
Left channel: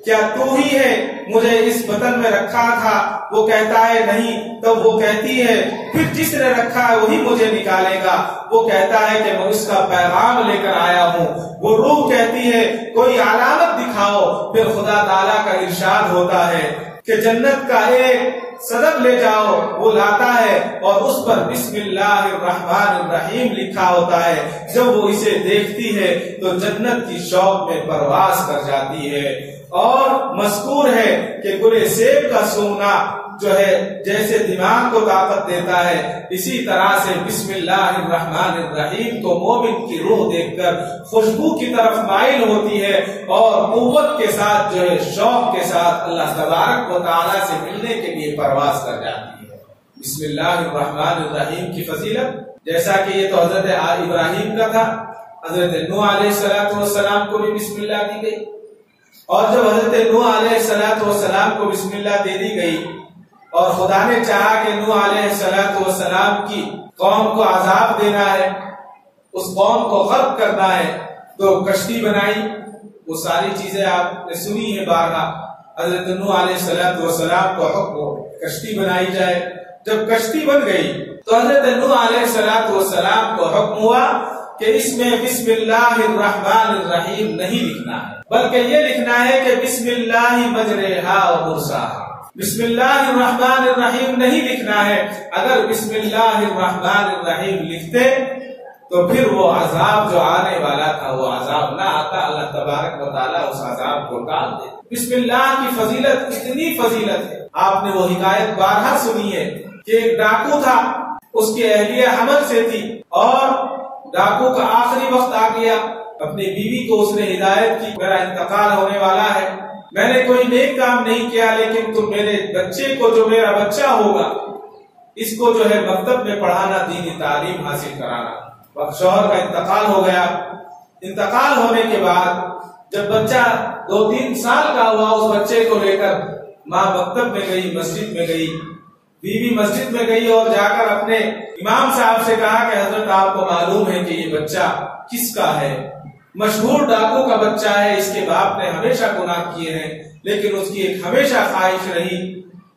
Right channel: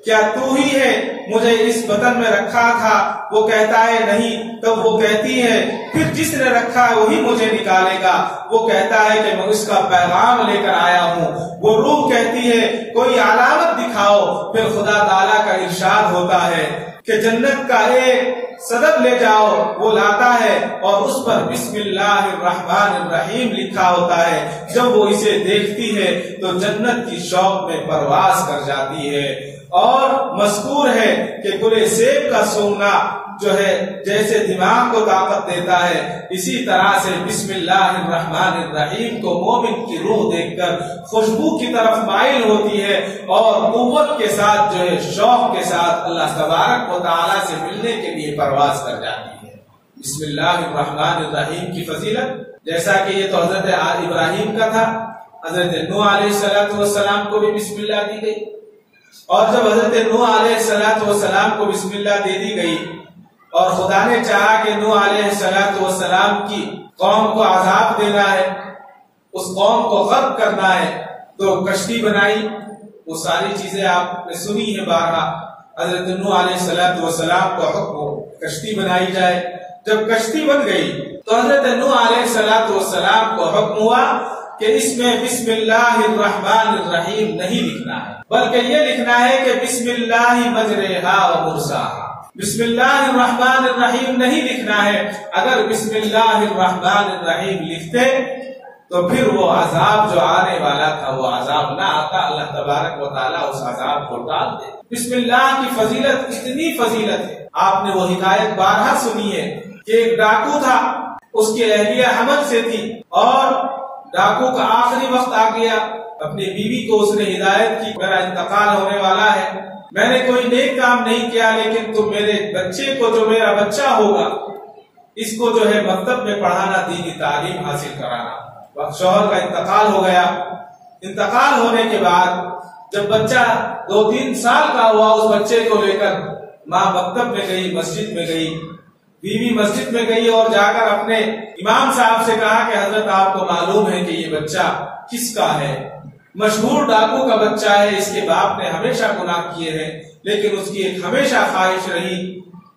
کیا تو ہی ہے مجھے اس بطن میں رکھا تھا؟ وہ کہتا ہے نہیں، تب وہ کہتی ہے پھر جس نے رکھا ہے وہی مجھے نکالے گا۔ وہ کہتا ہے کہ میں اس کا پیغام لے کر آیا ہوں۔ وہ روح کہتی ہے کوئی علامت دکھاؤ، پھر خدا تعالیٰ کا ارشاد ہوتا ہے کہ جنت کا ایک صدب لے جاؤ، وہ لاتا ہے اور اس پر بسم اللہ الرحمن الرحیم لکھا ہوتا ہے۔ جب وہ اسے دیکھتی ہے تو جنت کی شوق میں پرواز کر جاتی ہے۔ اور مذکور ہے کہ گلے سیب کا سونگنا جو ہے جیسے دماغ کو طاقت دیتا ہے، اسی طرح سے بسم اللہ الرحمن الرحیم کو مومن کی روح دیکھ کر خوشبو کی طرف مائل ہوتی ہے اور قوت کے ساتھ جو ہے شوق کے ساتھ اللہ تبارک و تعالیٰ سے ملنے کے لیے پرواز کر جاتی ہے۔ بسم اللہ الرحمن الرحیم کی فضیلت، جیسا کہ یہ تو حضرت ابراہیم کا تھا، حضرت نوح علیہ السلام کو بھی بسم اللہ دی گئی، اور جب حضرت نوح علیہ السلام کو بسم اللہ دے دی گئی اور خدا نے چاہا کہ نوح علیہ السلام کی قوم کو عذاب دینا ہے، اس قوم کو غرق کرنا ہے، تو کشتی بنائی۔ وہ ساری چیزیں آپ نے سنی ہے بارہا۔ حضرت نوح علیہ السلام کو حکم کشتی بنائی جائے۔ جب کشتی بن گئی تو حضرت نوح علیہ السلام کو حکم ہوا کہ اس میں بسم اللہ الرحمن الرحیم نہیں لکھنا ہے، بلکہ یہ لکھنا ہے کہ بسم اللہ مجریہا و مرساہا۔ بسم اللہ الرحمن الرحیم نہیں لکھنا ہے۔ اگر بسم اللہ الرحمن الرحیم لکھتے تو پھر وہ عذاب جو آنے والا تھا وہ عذاب نہ آتا، اللہ تبارک و تعالیٰ اس عذاب کو ٹال دے۔ بسم اللہ کی فضیلت اتنی فضیلت ہے، آپ نے وہ حکایت بارہا سنی ہے کہ ایک ڈاکو تھا، اس کی اہلیہ حمل سے تھی، اور ڈاکو کا آخری وقت آ گیا۔ اپنی بیوی کو اس نے ہدایت کی، میرا انتقال ہونے والا ہے، میں نے کوئی نیک کام نہیں کیا، لیکن تم میرے بچے کو، جو میرا بچہ ہوگا، اس کو جو ہے مکتب میں پڑھانا، دینی تعلیم حاصل کرانا۔ شوہر کا انتقال ہو گیا۔ انتقال ہونے کے بعد جب بچہ 2-3 سال کا ہوا، اس بچے کو لے کر ماں مکتب میں گئی، مسجد میں گئی، بیوی مسجد میں گئی اور جا کر اپنے امام صاحب سے کہا کہ حضرت آپ کو معلوم ہے کہ یہ بچہ کس کا ہے؟ مشہور ڈاکو کا بچہ ہے، اس کے باپ نے ہمیشہ گناہ کیے ہیں، لیکن اس کی ایک ہمیشہ خواہش رہی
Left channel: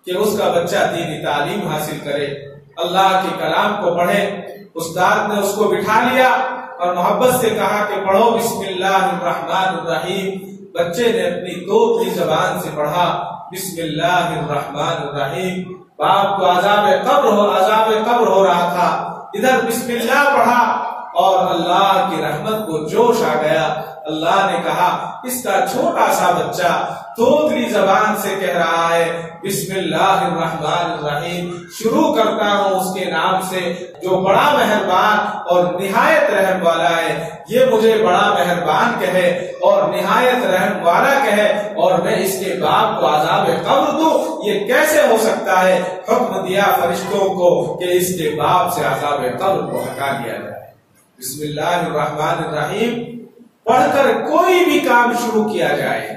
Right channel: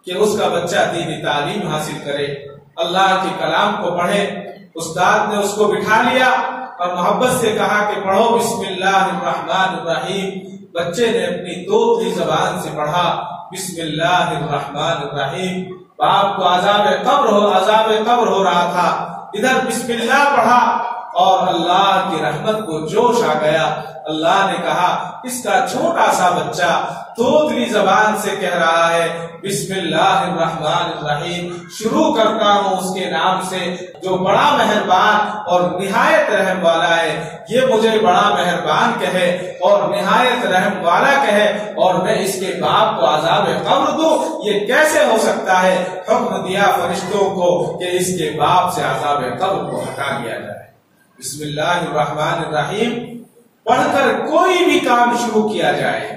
کہ اس کا بچہ دینی تعلیم حاصل کرے، اللہ کے کلام کو پڑھے۔ استاد نے اس کو بٹھا لیا اور محبت سے کہا کہ پڑھو بسم اللہ الرحمن الرحیم۔ بچے نے اپنی توتلی زبان سے پڑھا بسم اللہ الرحمن الرحیم۔ باپ کو عذاب قبر ہو رہا تھا، ادھر بسم اللہ پڑھا اور اللہ کی رحمت کو جوش آ گیا۔ اللہ نے کہا اس کا چھوٹا سا بچہ توتلی زبان سے کہہ رہا ہے بسم اللہ الرحمن الرحیم، شروع کرتا ہوں اس کے نام سے جو بڑا مہربان اور نہایت رحم والا ہے۔ یہ مجھے بڑا مہربان کہے اور نہایت رحم والا کہے اور میں اس کے باپ کو عذاب قبر دوں، یہ کیسے ہو سکتا ہے؟ حکم دیا فرشتوں کو کہ اس کے باپ سے عذاب قبر کو ہٹا لیا جائے۔ بسم اللہ الرحمن الرحیم پڑھ کر کوئی بھی کام شروع کیا جائے،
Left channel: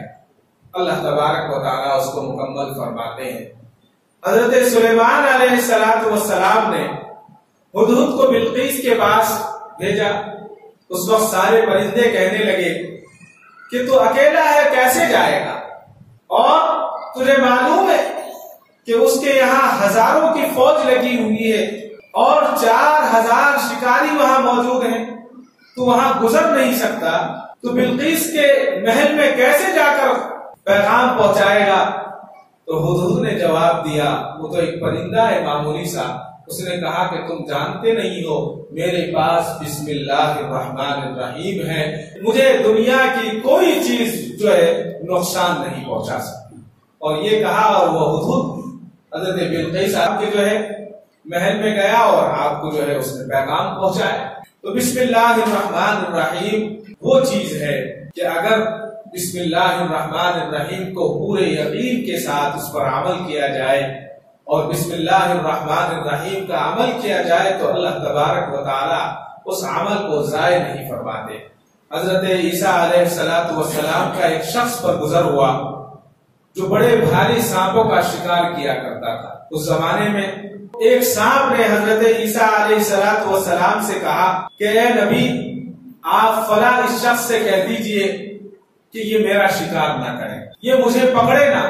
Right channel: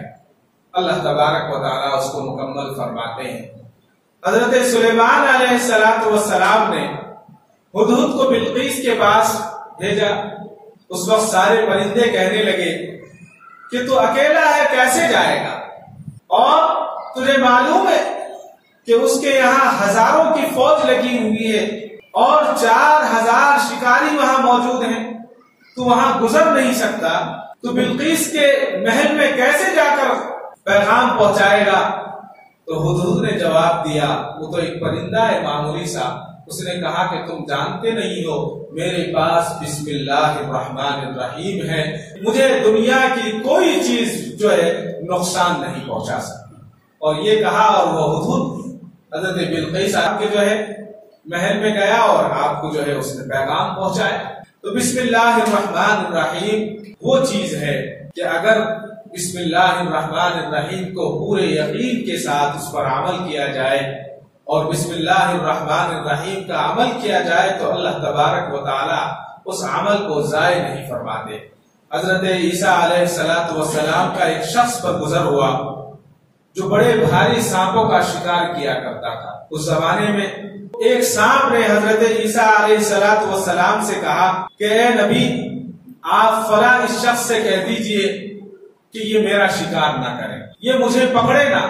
اللہ تبارک و تعالیٰ اس کو مکمل فرماتے ہیں۔ حضرت سلیمان علیہ السلام نے ہدہد کو بلقیس کے پاس بھیجا۔ اس وقت سارے پرندے کہنے لگے کہ تو اکیلا ہے، کیسے جائے گا؟ اور تجھے معلوم ہے کہ اس کے یہاں ہزاروں کی فوج لگی ہوئی ہے اور 4000 شکاری وہاں موجود ہیں، تو وہاں گزر نہیں سکتا، تو بلقیس کے محل میں کیسے جا کر پیغام پہنچائے گا؟ تو ہدہد نے جواب دیا، وہ تو ایک پرندہ ہے معمولی سا، اس نے کہا کہ تم جانتے نہیں ہو میرے پاس بسم اللہ الرحمن الرحیم ہے، مجھے دنیا کی کوئی چیز جو ہے نقصان نہیں پہنچا سکتی۔ اور یہ کہا اور وہ ہدہد حضرت بلقیس آپ کے جو ہے محل میں گیا اور آپ کو جو ہے اس نے پیغام پہنچایا۔ تو بسم اللہ الرحمن الرحیم وہ چیز ہے کہ اگر بسم اللہ الرحمن الرحیم کو پورے یقین کے ساتھ اس پر عمل کیا جائے اور بسم اللہ الرحمن الرحیم کا عمل کیا جائے تو اللہ تبارک و تعالی اس عمل کو ضائع نہیں فرماتے۔ حضرت عیسیٰ علیہ السلام کا ایک شخص پر گزر ہوا جو بڑے بھاری سانپوں کا شکار کیا کرتا تھا۔ اس زمانے میں ایک سانپ نے حضرت عیسیٰ علیہ السلام سے کہا کہ اے نبی، آپ فلاں اس شخص سے کہہ دیجئے کہ یہ میرا شکار نہ کرے، یہ مجھے پکڑے نہ،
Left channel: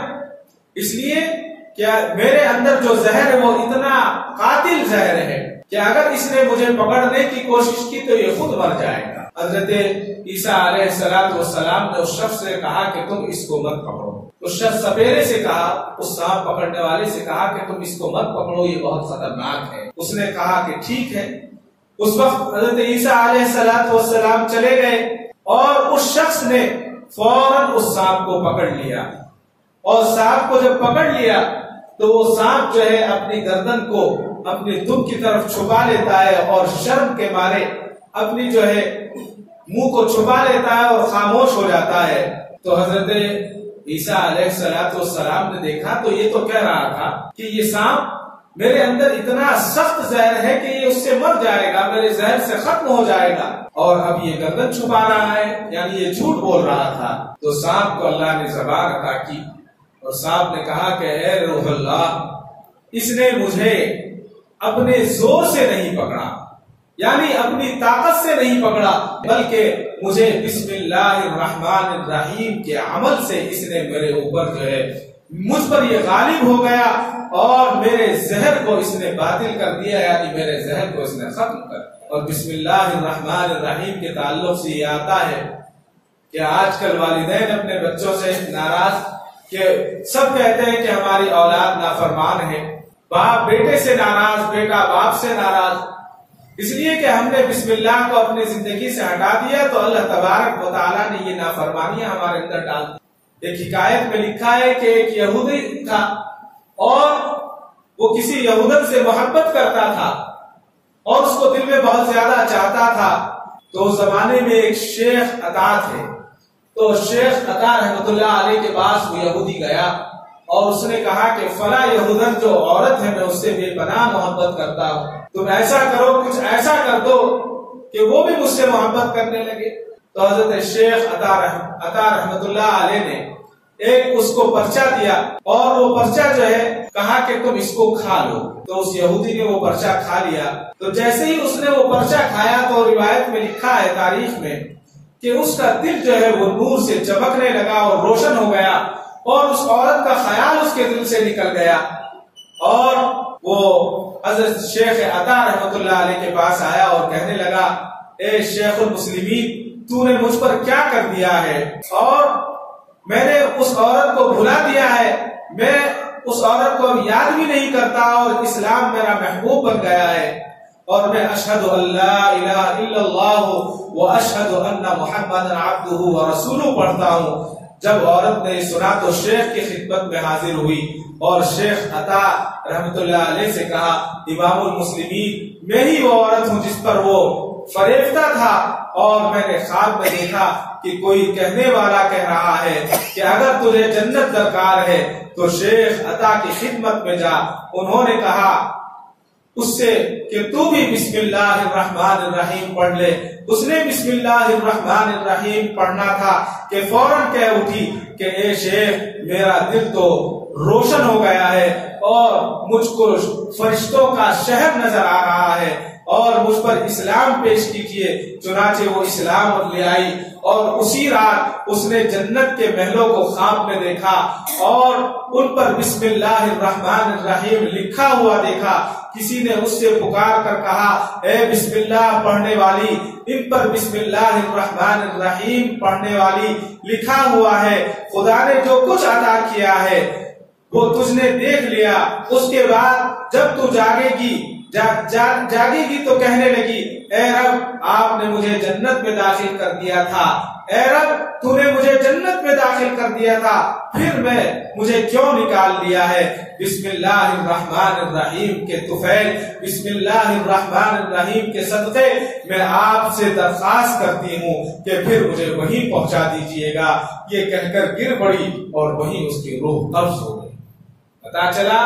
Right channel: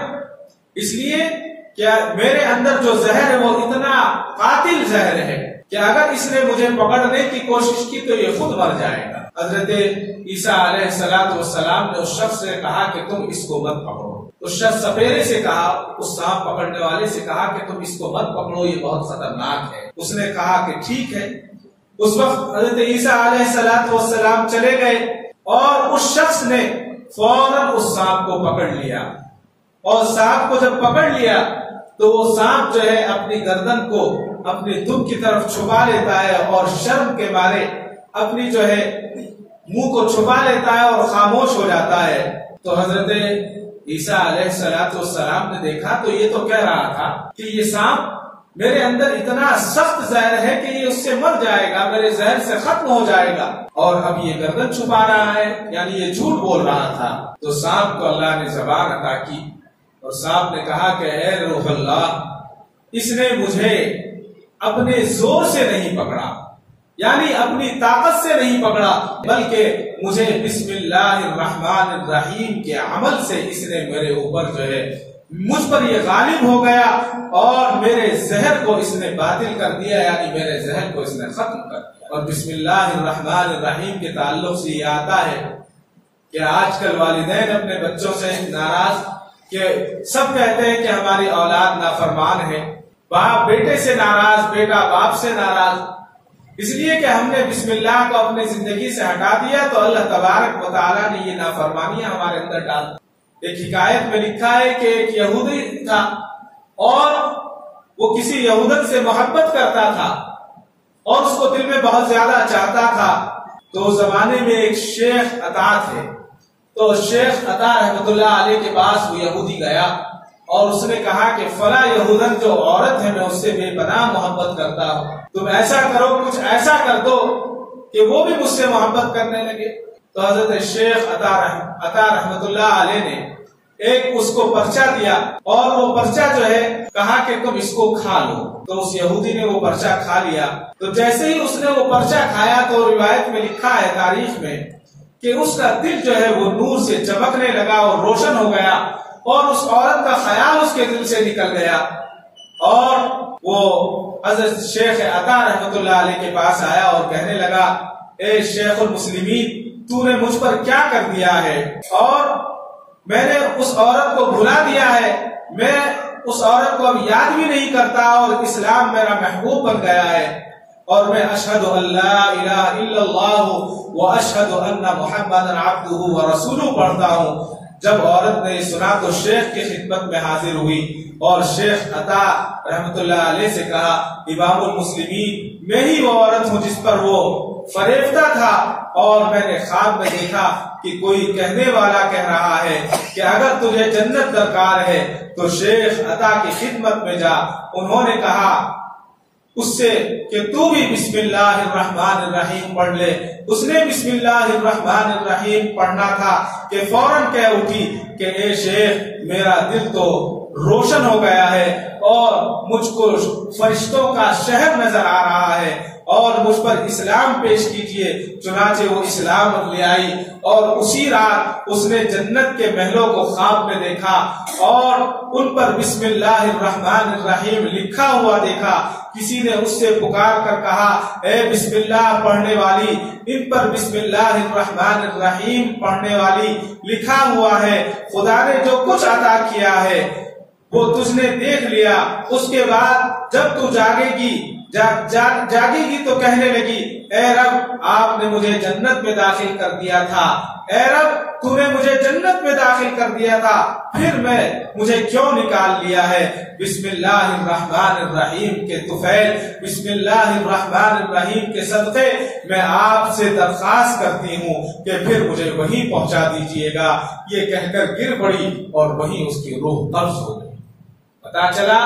اس لیے کہ میرے اندر جو زہر ہے وہ اتنا قاتل زہر ہے کہ اگر اس نے مجھے پکڑنے کی کوشش کی تو یہ خود مر جائے گا۔ حضرت عیسیٰ علیہ السلام نے اس شخص سے کہا کہ تم اس کو مت پکڑو۔ اس شخص سپیرے سے کہا، اس سانپ پکڑنے والے سے کہا کہ تم اس کو مت پکڑو، یہ بہت خطرناک ہے۔ اس نے کہا کہ ٹھیک ہے۔ اس وقت حضرت عیسیٰ علیہ السلام چلے گئے اور اس شخص نے فوراً اس سانپ کو پکڑ لیا، اور سانپ کو جب پکڑ لیا تو وہ سانپ جو ہے اپنی گردن کو اپنی دم کی طرف چھپا لیتا ہے اور شرم کے مارے اپنی جو ہے منہ کو چھپا لیتا ہے اور خاموش ہو جاتا ہے۔ تو حضرت عیسیٰ علیہ السلام نے دیکھا تو یہ تو کہہ رہا تھا کہ یہ سانپ میرے اندر اتنا سخت زہر ہے کہ یہ اس سے مر جائے گا، میرے زہر سے ختم ہو جائے گا، اور اب یہ گردن چھپا رہا ہے، یعنی یہ جھوٹ بول رہا تھا۔ تو سانپ کو اللہ نے زبان عطا کی اور سانپ نے کہا کہ اے روح اللہ، اس نے مجھے اپنے زور سے نہیں پکڑا، یعنی اپنی طاقت سے نہیں پکڑا، بلکہ مجھے بسم اللہ الرحمن الرحیم کے عمل سے اس نے میرے اوپر جو ہے مجھ پر یہ غالب ہو گیا اور میرے زہر کو اس نے باطل کر دیا، یعنی میرے زہر کو اس نے ختم کر دیا۔ اور بسم اللہ الرحمن الرحیم کے تعلق سے یہ آتا ہے کہ آج کل والدین اپنے بچوں سے ناراض، کہ سب کہتے ہیں کہ ہماری اولاد نافرمان ہے، باپ بیٹے سے ناراض، بیٹا باپ سے ناراض، اس لیے کہ ہم نے بسم اللہ کو اپنی زندگی سے ہٹا دیا تو اللہ تبارک و تعالیٰ نے یہ نافرمانیاں ہمارے اندر ڈال دی۔ ایک حکایت میں لکھا ہے کہ ایک یہودی تھا اور وہ کسی یہودن سے محبت کرتا تھا اور اس کو دل میں بہت زیادہ چاہتا تھا۔ تو اس زمانے میں ایک شیخ عطا تھے، تو شیخ عطا رحمۃ اللہ علیہ کے پاس وہ یہودی گیا اور اس نے کہا کہ فلاں یہودن جو عورت ہے میں اس سے بے پناہ محبت کرتا ہوں، تم ایسا کرو، کچھ ایسا کر دو کہ وہ بھی مجھ سے محبت کرنے لگے۔ تو حضرت شیخ عطا رحمۃ اللہ علیہ نے ایک اس کو پرچہ دیا اور وہ پرچہ جو ہے کہا کہ تم اس کو کھا لو۔ تو اس یہودی نے وہ پرچہ کھا لیا۔ تو جیسے ہی اس نے وہ پرچہ کھایا تو روایت میں لکھا ہے تاریخ میں کہ اس کا دل جو ہے وہ نور سے چمکنے لگا اور روشن ہو گیا اور اس عورت کا خیال اس کے دل سے نکل گیا، اور وہ حضرت شیخ عطا رحمۃ اللہ علیہ کے پاس آیا اور کہنے لگا اے شیخ المسلمین، تو نے مجھ پر کیا کر دیا ہے، اور میں نے اس عورت کو بھلا دیا ہے، میں اس عورت کو اب یاد بھی نہیں کرتا اور اسلام میرا محبوب بن گیا ہے، اور میں اشہد ان لا الہ الا اللہ و اشہد ان محمد عبدہ و رسولہ پڑھتا ہوں۔ جب عورت نے سنا تو شیخ کی خدمت میں حاضر ہوئی اور شیخ عطا رحمۃ اللہ علیہ سے کہا امام المسلمین، میں ہی وہ عورت ہوں جس پر وہ فریفتہ تھا، اور میں نے خواب میں دیکھا کہ کوئی کہنے والا کہہ رہا ہے کہ اگر تجھے جنت درکار ہے تو شیخ عطا کی خدمت میں جا۔ انہوں نے کہا اس سے کہ تو بھی بسم اللہ الرحمن الرحیم پڑھ لے۔ اس نے بسم اللہ الرحمن الرحیم پڑھنا تھا کہ فوراً کہہ اٹھی کہ اے شیخ، میرا دل تو روشن ہو گیا ہے اور مجھ کو فرشتوں کا شہر نظر آ رہا ہے اور مجھ پر اسلام پیش کیجیے۔ چنانچہ وہ اسلام لے آئی اور اسی رات اس نے جنت کے محلوں کو خواب میں دیکھا اور ان پر بسم اللہ الرحمن الرحیم لکھا ہوا دیکھا۔ کسی نے اس سے پکار کر کہا اے بسم اللہ پڑھنے والی، ان پر بسم اللہ الرحمن الرحیم پڑھنے والی لکھا ہوا ہے، خدا نے جو کچھ عطا کیا ہے وہ تجھ نے دیکھ لیا۔ اس کے بعد جب تو جاگے گی تو کہنے لگی اے رب، آپ نے مجھے جنت میں داخل کر دیا تھا، اے رب تو نے مجھے جنت میں داخل کر دیا تھا، پھر مجھے کیوں نکال لیا ہے؟ بسم اللہ الرحمن الرحیم کے طفیل، بسم اللہ الرحمن الرحیم کے صدقے میں آپ سے درخواست کرتی ہوں کہ پھر مجھے وہیں پہنچا دیجئے گا۔ یہ کہہ کر گر پڑی اور وہیں اس کی روح قبض ہو گئی۔ پتا چلا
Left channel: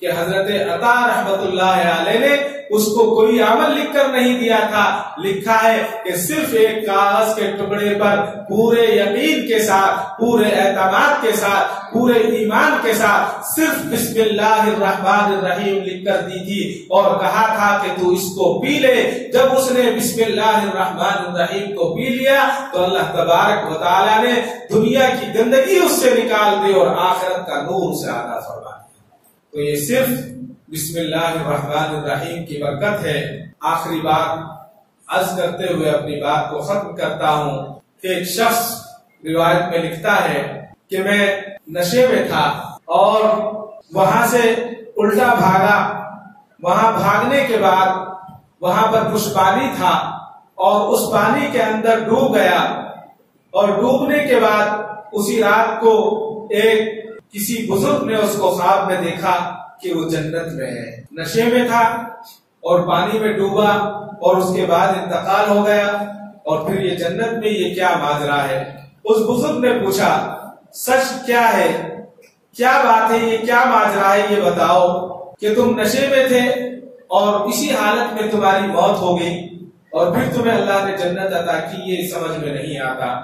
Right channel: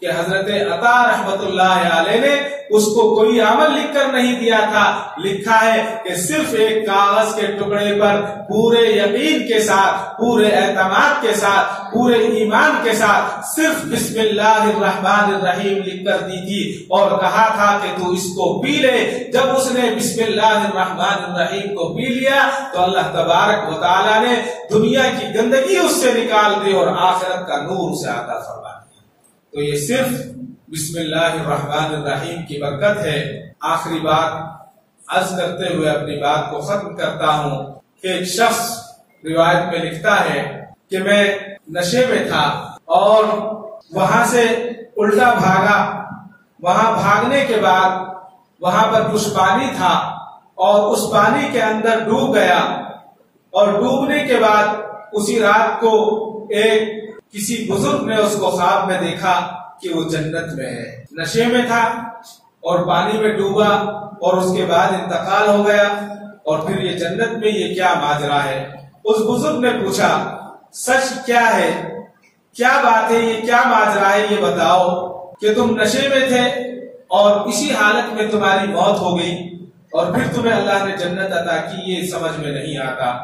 کہ حضرت عطا رحمت اللہ علیہ نے اس کو کوئی عمل لکھ کر نہیں دیا تھا، لکھا ہے کہ صرف ایک کاغذ کے ٹکڑے پر پورے یقین کے ساتھ، پورے اعتماد کے ساتھ، پورے ایمان کے ساتھ صرف بسم اللہ الرحمن الرحیم لکھ کر دی تھی اور کہا تھا کہ تو اس کو پی لے۔ جب اس نے بسم اللہ الرحمن الرحیم کو پی لیا تو اللہ تبارک و تعالیٰ نے دنیا کی گندگی اس سے نکال دی اور آخرت کا نور اسے عطا فرما دیا۔ تو یہ صرف بسم اللہ الرحمن الرحیم کی برکت ہے۔ آخری بات عرض کرتے ہوئے اپنی بات کو ختم کرتا ہوں کہ ایک شخص روایت میں لکھتا ہے کہ میں نشے میں تھا اور وہاں سے الٹا بھاگا، وہاں بھاگنے کے بعد وہاں پر کچھ پانی تھا اور اس پانی کے اندر ڈوب گیا، اور ڈوبنے کے بعد اسی رات کو ایک کسی بزرگ نے اس کو خواب میں دیکھا کہ وہ جنت میں ہے۔ نشے میں تھا اور پانی میں ڈوبا اور اس کے بعد انتقال ہو گیا، اور پھر یہ جنت میں یہ کیا ماجرا ہے؟ اس بزرگ نے پوچھا سچ کیا ہے، کیا بات ہے، یہ کیا ماجرا ہے، یہ بتاؤ۔ کہ تم نشے میں تھے اور اسی حالت میں تمہاری موت ہو گئی اور پھر تمہیں اللہ نے جنت عطا کی، یہ سمجھ میں نہیں آتا۔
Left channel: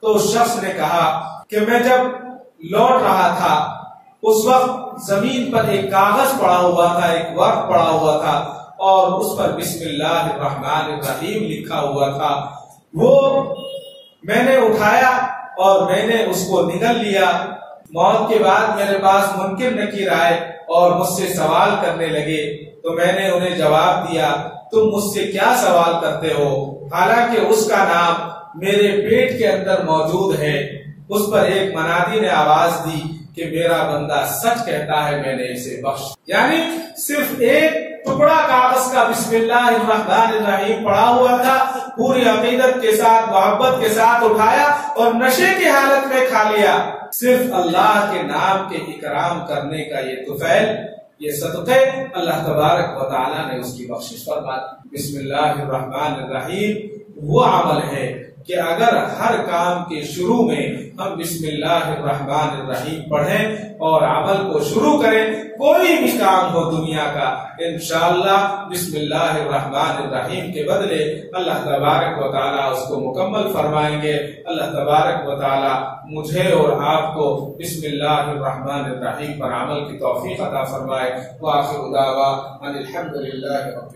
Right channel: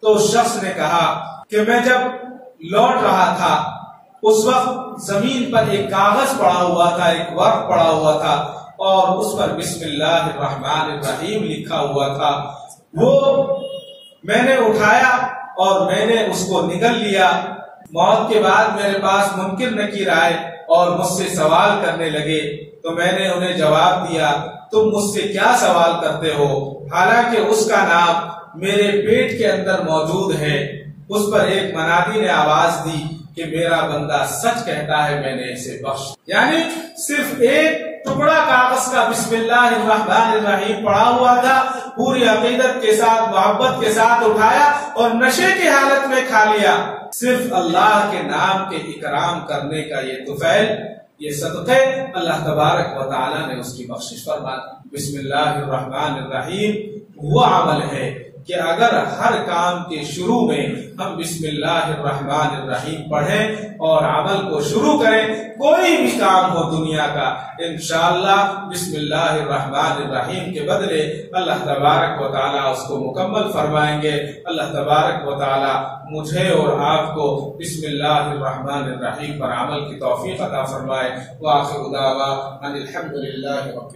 تو اس شخص نے کہا کہ میں جب لوٹ رہا تھا اس وقت زمین پر ایک کاغذ پڑا ہوا تھا، ایک ورق پڑا ہوا تھا اور اس پر بسم اللہ الرحمن الرحیم لکھا ہوا تھا۔ وہ میں نے اٹھایا اور میں نے اس کو نگل لیا۔ موت کے بعد میرے پاس منکر نکیر آئے اور مجھ سے سوال کرنے لگے تو میں نے انہیں جواب دیا تم مجھ سے کیا سوال کرتے ہو، حالانکہ اس کا نام میرے پیٹ کے اندر موجود ہے۔ اس پر ایک منادی نے آواز دی کہ میرا بندہ سچ کہتا ہے، میں نے اسے بخش۔ یعنی صرف ایک ٹکڑا کاغذ کا بسم اللہ الرحمن الرحیم پڑا ہوا تھا، پوری عقیدت کے ساتھ محبت کے ساتھ اٹھایا اور نشے کی حالت میں کھا لیا۔ صرف اللہ کے نام کے اکرام کرنے کا یہ طفیل، یہ صدقے اللہ تبارک و تعالی نے اس کی بخشش فرما دی۔ بسم اللہ الرحمن الرحیم وہ عمل ہے کہ اگر ہر کام کے شروع میں ہم بسم اللہ الرحمن الرحیم پڑھیں اور عمل کو شروع کریں، کوئی بھی کام ہو دنیا کا، انشاءاللہ بسم اللہ الرحمن الرحیم کے بدلے اللہ تبارک و تعالی اس کو مکمل فرمائیں گے۔ اللہ تبارک و تعالی مجھے اور آپ کو بسم اللہ الرحمن الرحیم پر عمل کی توفیق عطا فرمائے۔ وآخر دعوانا ان الحمد للہ رب